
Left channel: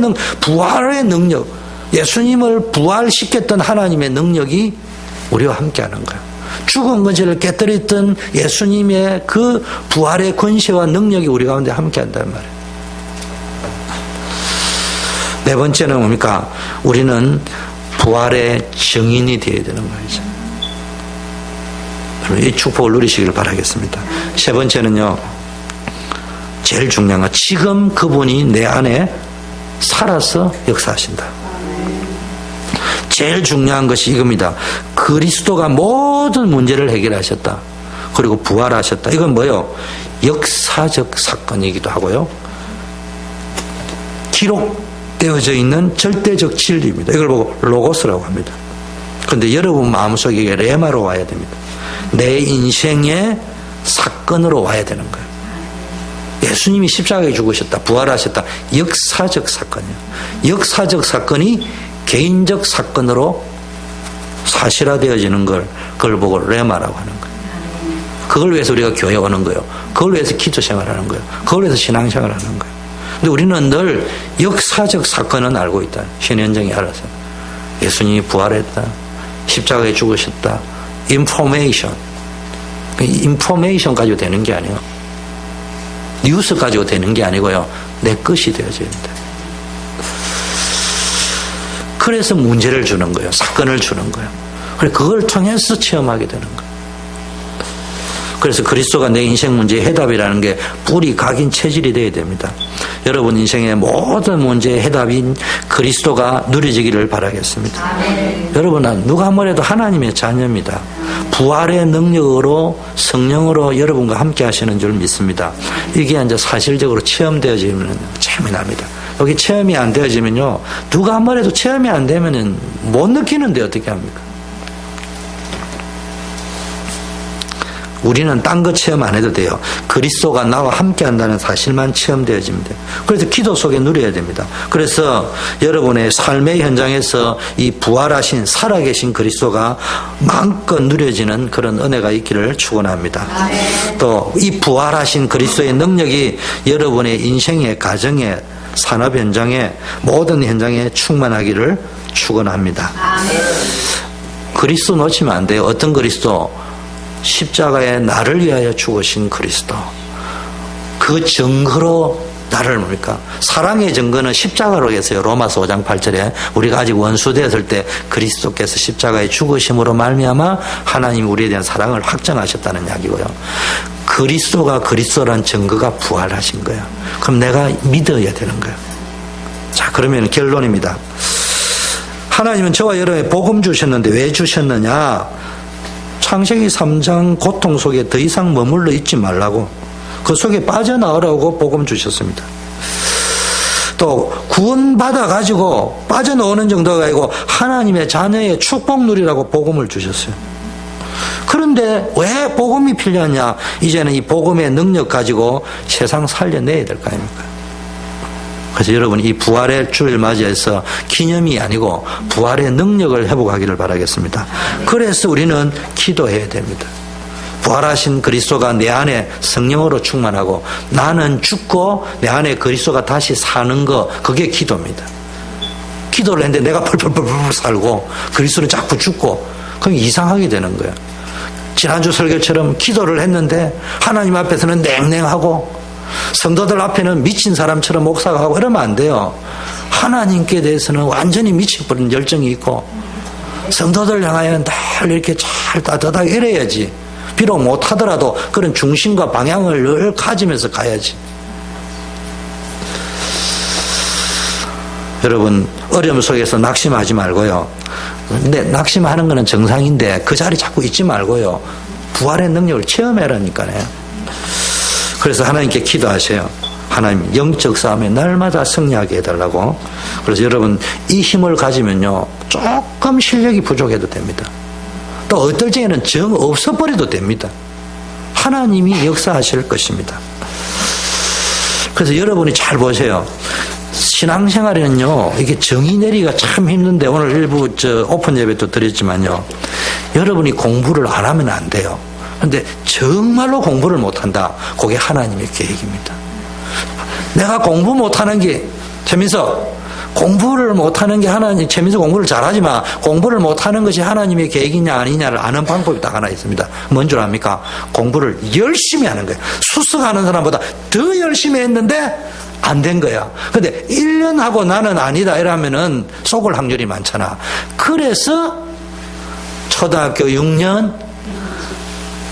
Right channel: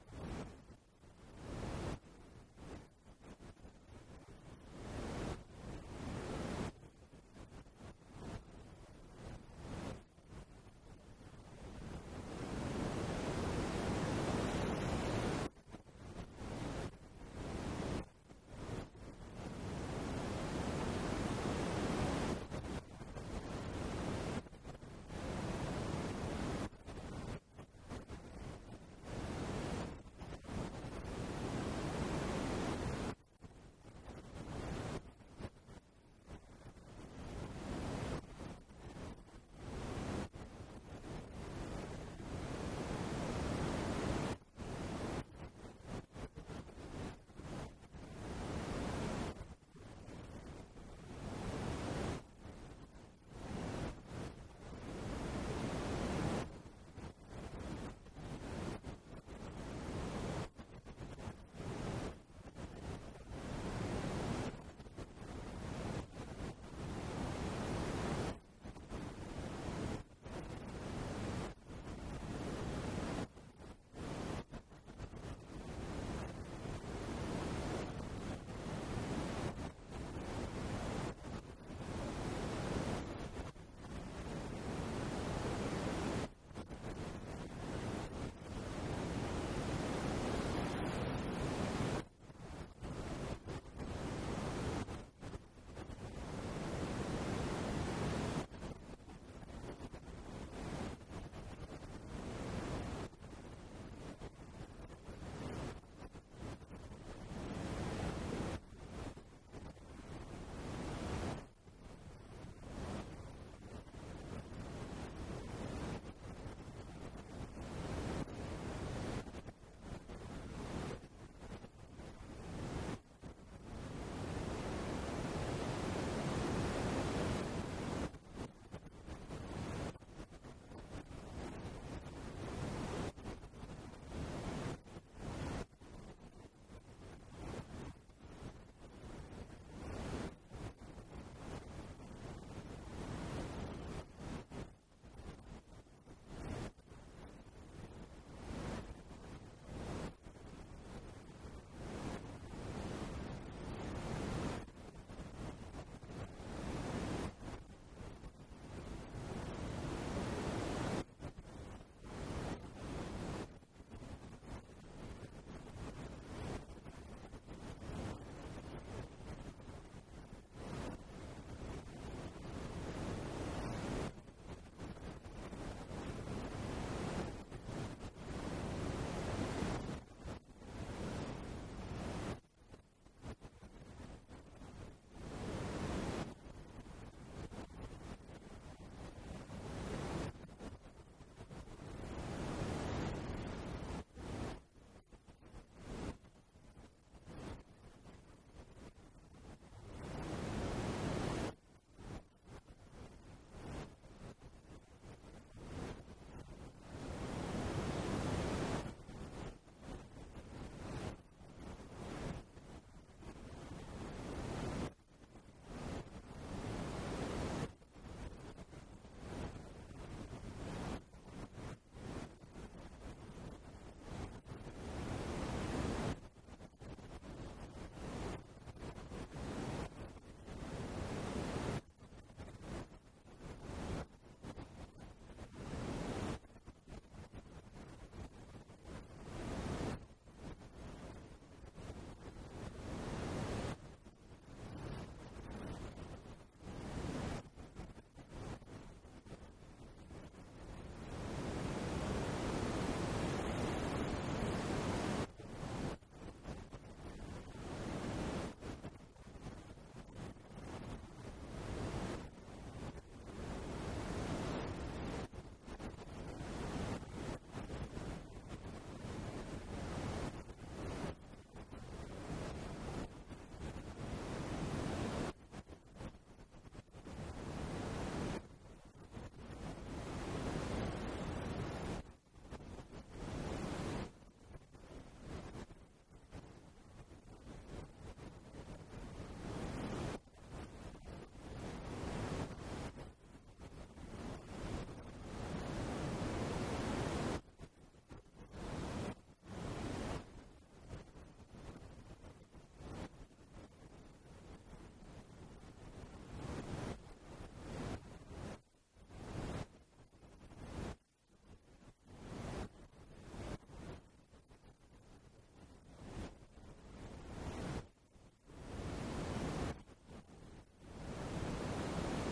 능력, 예수님을 부활시켰던 하나님의 능력이 우리와 함께 하는 거예요. 죽은 권세를 깨뜨렸던 예수님의 그 부활의 권세와 능력이 우리 가운데 함께 한다는 말이에요. 네 번째는 뭡니까? 우리는 부활의 증인이 되어야 되는 말이죠. 이 축복을 누리시길 바라겠습니다. 세 번째는요, 제일 중요한 건 지금 그분이 내 안에 살아서 역사하신다. 제일 중요한 것이 이겁니다. 그리스도가 모든 문제를 해결하셨다. 그리고 부활하셨다. 이건 뭐예요? 역사적 사건이기도 하고요, 기록되어져 있는 절대적 진리입니다. 이걸 보고 로고스라고 합니다. 그런데 여러분 마음속에 레마로 와야 됩니다. 내 인생의 사건으로 와야 되는 거예요. 예수님이 십자가에 죽으셨다, 부활하셨다. 역사적 사건이에요. 역사적 사건이 개인적 사건으로 사실화되어지는 그걸 보고 레마라고 하는 거예요. 그걸 위해서 우리가 교회 오는 거예요. 그걸 위해서 기도 생활하는 거예요. 그걸 위해서 신앙생활 하는 거예요. 근데 우리는 늘 역사적 사건은 알고 있다. 신현정이 알아서. 예수님이 부활했다. 십자가에 죽으셨다. 인포메이션 가지고 되는 게 아니에요. 뉴스 가지고 되는 게 아니고요, 내 것이 되어져야 된다. 그래서 문제를 주는 거예요. 사건을 주는 거예요. 그걸 통해서 체험하게 되는 거예요. 그래서 그리스도가 내 인생 문제의 해답이라는 게 뿌리 각인 체질이 되어야 됩니다. 여러분 인생의 모든 문제의 해답인 그리스도가 누려지기를 바라겠습니다. 아멘. 여러분은 누가 뭐래도 하나님의 자녀입니다. 부활의 능력으로 성령으로 여러분과 함께 하시는 줄 믿습니다. 이게 이제 사실적으로 체험되어지면 재미납니다. 여기 체험이 안 되어지면요, 누가 뭐래도 체험이 안 되면은 못 느끼는데 어떻게 합니까? 우리는 딴 거 체험 안 해도 돼요. 그리스도가 나와 함께 한다는 사실만 체험되어지면 돼요. 그래서 기도 속에 누려야 됩니다. 그래서 여러분의 삶의 현장에서 이 부활하신 살아계신 그리스도가 마음껏 누려지는 그런 은혜가 있기를 축원합니다. 또 이 부활하신 그리스도의 능력이 여러분의 인생의 가정에 산업 현장에 모든 현장에 충만하기를 축원합니다. 그리스도 놓치면 안 돼요. 어떤 그리스도? 십자가에 나를 위하여 죽으신 그리스도. 그 증거로 나를 뭡니까? 사랑의 증거는 십자가로 했어요. 로마서 5장 8절에 우리가 아직 원수되었을 때 그리스도께서 십자가에 죽으심으로 말미암아 하나님이 우리에 대한 사랑을 확정하셨다는 이야기고요. 그리스도가 그리스도란 증거가 부활하신 거예요. 그럼 내가 믿어야 되는 거예요. 자, 그러면 결론입니다. 하나님은 저와 여러분에게 복음 주셨는데 왜 주셨느냐? 창세기 3장 고통 속에 더 이상 머물러 있지 말라고, 그 속에 빠져나오라고 복음 주셨습니다. 또 구원받아 가지고 빠져나오는 정도가 아니고 하나님의 자녀의 축복 누리라고 복음을 주셨어요. 그런데 왜 복음이 필요하냐? 이제는 이 복음의 능력 가지고 세상 살려내야 될 거 아닙니까? 그래서 여러분, 이 부활의 주일 맞이해서 기념이 아니고 부활의 능력을 회복하기를 바라겠습니다. 그래서 우리는 기도해야 됩니다. 부활하신 그리스도가 내 안에 성령으로 충만하고 나는 죽고 내 안에 그리스도가 다시 사는 거, 그게 기도입니다. 기도를 했는데 내가 펄펄펄펄 살고 그리스도는 자꾸 죽고, 그럼 이상하게 되는 거예요. 지난주 설교처럼 기도를 했는데 하나님 앞에서는 냉랭하고 성도들 앞에는 미친 사람처럼 목사가 하고 이러면 안 돼요. 하나님께 대해서는 완전히 미쳐버린 열정이 있고 성도들 향하여는 늘 이렇게 잘 따뜻하게 이래야지. 비록 못하더라도 그런 중심과 방향을 늘 가지면서 가야지. 여러분, 어려움 속에서 낙심하지 말고요. 근데 낙심하는 거는 정상인데 그 자리 자꾸 있지 말고요. 부활의 능력을 체험하라니까요. 그래서 하나님께 기도하세요. 하나님, 영적 싸움에 날마다 승리하게 해달라고. 그래서 여러분, 이 힘을 가지면요, 조금 실력이 부족해도 됩니다. 또 어떨 적에는 정 없어버려도 됩니다. 하나님이 역사하실 것입니다. 그래서 여러분이 잘 보세요. 신앙생활에는요, 이게 정의 내리기가 참 힘든데, 오늘 일부 오픈 예배도 드렸지만요, 여러분이 공부를 안 하면 안 돼요. 그런데 정말로 공부를 못한다. 그게 하나님의 계획입니다. 내가 공부 못하는 게, 재민서, 공부를 못하는 게 하나님, 재민서 공부를 잘하지만 공부를 못하는 것이 하나님의 계획이냐 아니냐를 아는 방법이 딱 하나 있습니다. 뭔 줄 압니까? 공부를 열심히 하는 거예요. 수석하는 사람보다 더 열심히 했는데 안 된 거야. 근데 1년 하고 나는 아니다 이러면은 속을 확률이 많잖아. 그래서 초등학교 6년,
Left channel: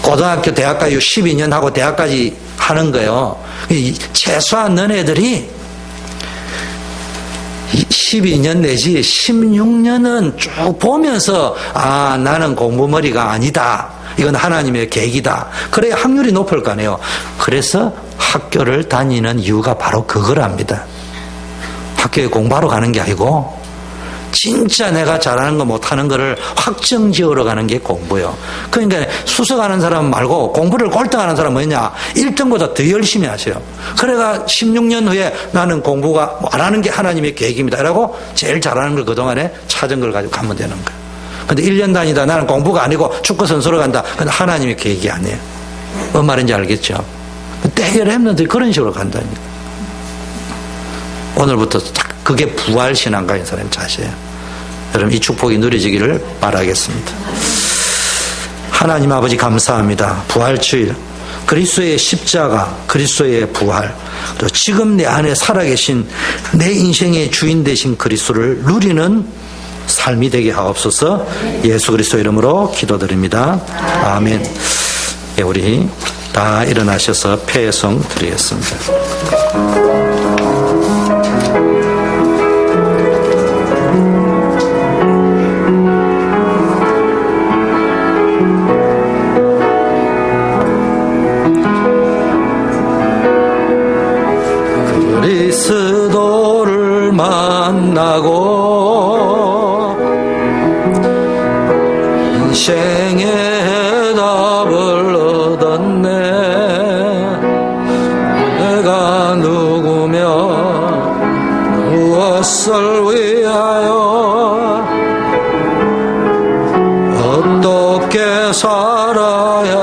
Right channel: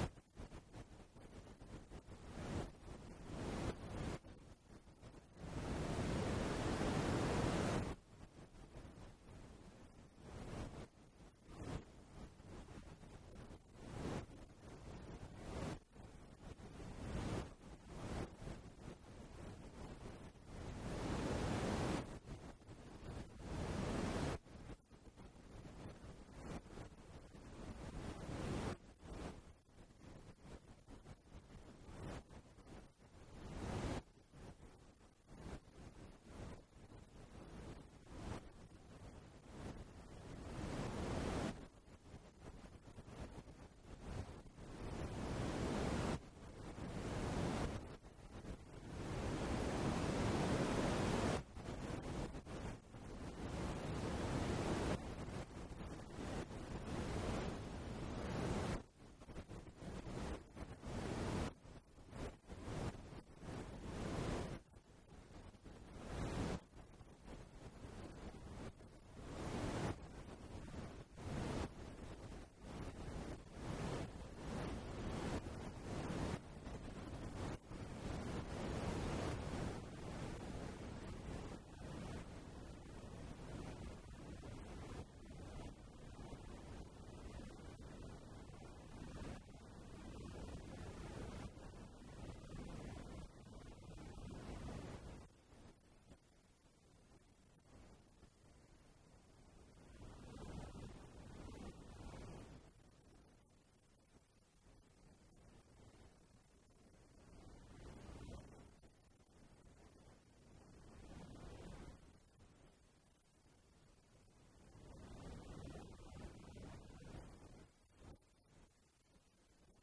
고등학교, 대학까지 12년 하고 대학까지 하는 거예요. 최소한 너네들이 12년 내지 16년은 쭉 보면서 아, 나는 공부머리가 아니다. 이건 하나님의 계획이다. 그래야 확률이 높을 거 아니에요. 그래서 학교를 다니는 이유가 바로 그거랍니다. 학교에 공부하러 가는 게 아니고 진짜 내가 잘하는 거 못하는 거를 확정 지으러 가는 게 공부예요. 그러니까 수석하는 사람 말고 공부를 꼴등하는 사람은 뭐냐? 1등보다 더 열심히 하세요. 그래가 16년 후에 나는 공부가 안 하는 게 하나님의 계획입니다. 라고 제일 잘하는 걸 그동안에 찾은 걸 가지고 가면 되는 거예요. 근데 1년 다니다 나는 공부가 아니고 축구 선수로 간다. 그건 하나님의 계획이 아니에요. 뭔 말인지 알겠죠? 대결 햄런들이 그런 식으로 간다니까. 오늘부터 그게 부활신앙가인 사람의 자세예요. 여러분, 이 축복이 누려지기를 바라겠습니다. 하나님 아버지 감사합니다. 부활주일, 그리스도의 십자가, 그리스도의 부활, 또 지금 내 안에 살아계신 내 인생의 주인 되신 그리스도를 누리는 삶이 되게 하옵소서. 예수 그리스도 이름으로 기도드립니다. 아멘. 예, 우리 다 일어나셔서 폐성 드리겠습니다. 그리스도를 만나고 인생의 답을 얻었네. 내가 누구며 무엇을 위하여 어떻게 살아야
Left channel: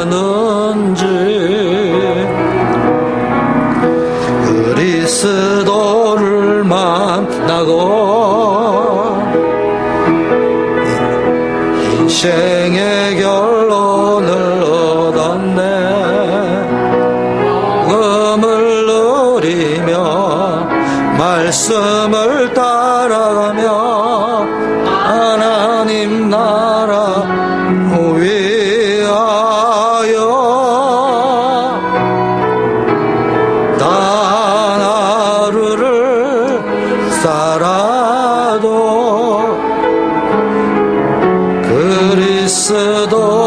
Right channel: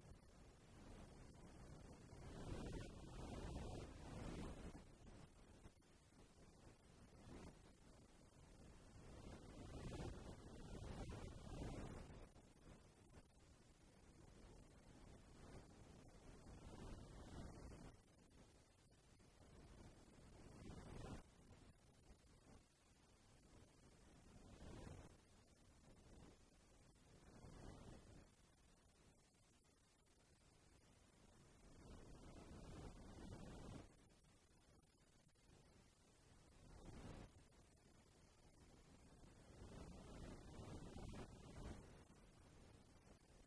하는지 그리스도를 만나고 인생의 결론을 얻었네. 복음을 누리며 말씀을 따라가며 하나님 나라 위하여 단 하루를 살아도 그리스도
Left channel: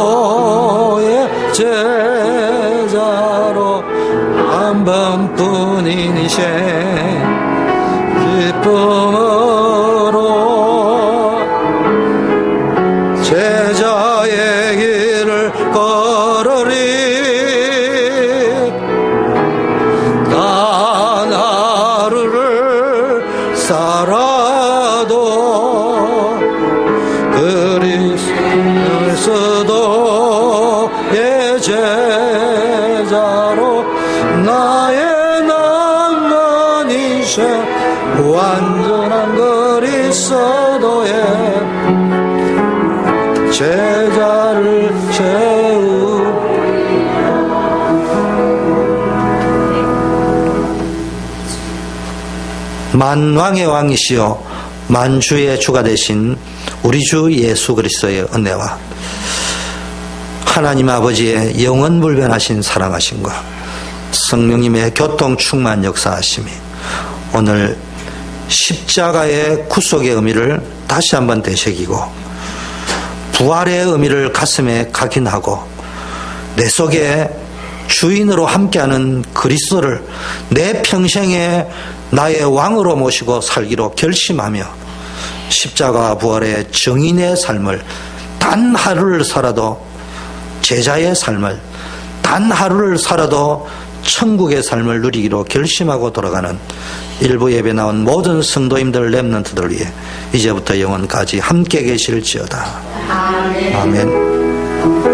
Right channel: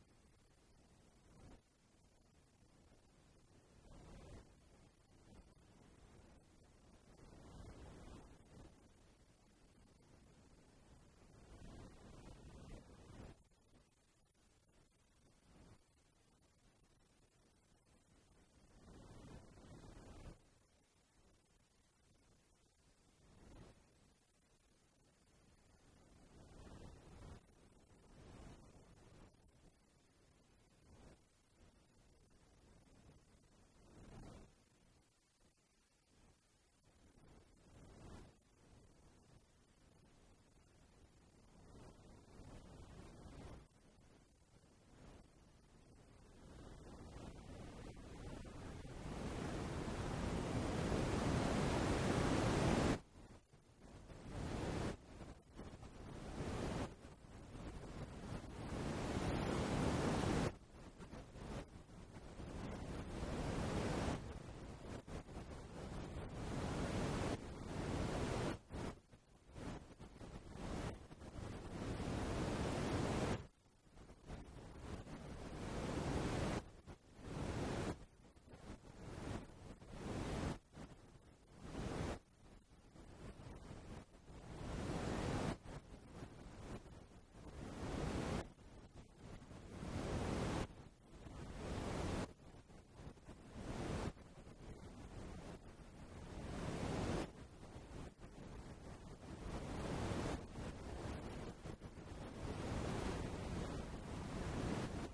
하루뿐인 이생 기쁨으로 제자의 길을 걸으리. 단 하루를 살아도 그리스도의 제자로 나의 낭만이세 완전한 그리스도의 제자를 세우. 만왕의 왕이시여 만주의 주가 되신 우리 주 예수 그리스도의 은혜와 하나님 아버지의 영원불변하신 사랑하심과 성령님의 교통 충만 역사하심이 오늘 십자가의 구속의 의미를 다시 한번 되새기고 부활의 의미를 가슴에 각인하고 내 속에 주인으로 함께하는 그리스도를 내 평생에 나의 왕으로 모시고 살기로 결심하며 십자가 부활의 정인의 삶을 단 하루를 살아도 제자의 삶을 단 하루를 살아도 천국의 삶을 누리기로 결심하고 돌아가는 일부 예배 나온 모든 성도님들 렘넌트들 위해 이제부터 영원까지 함께 계실지어다. 아멘.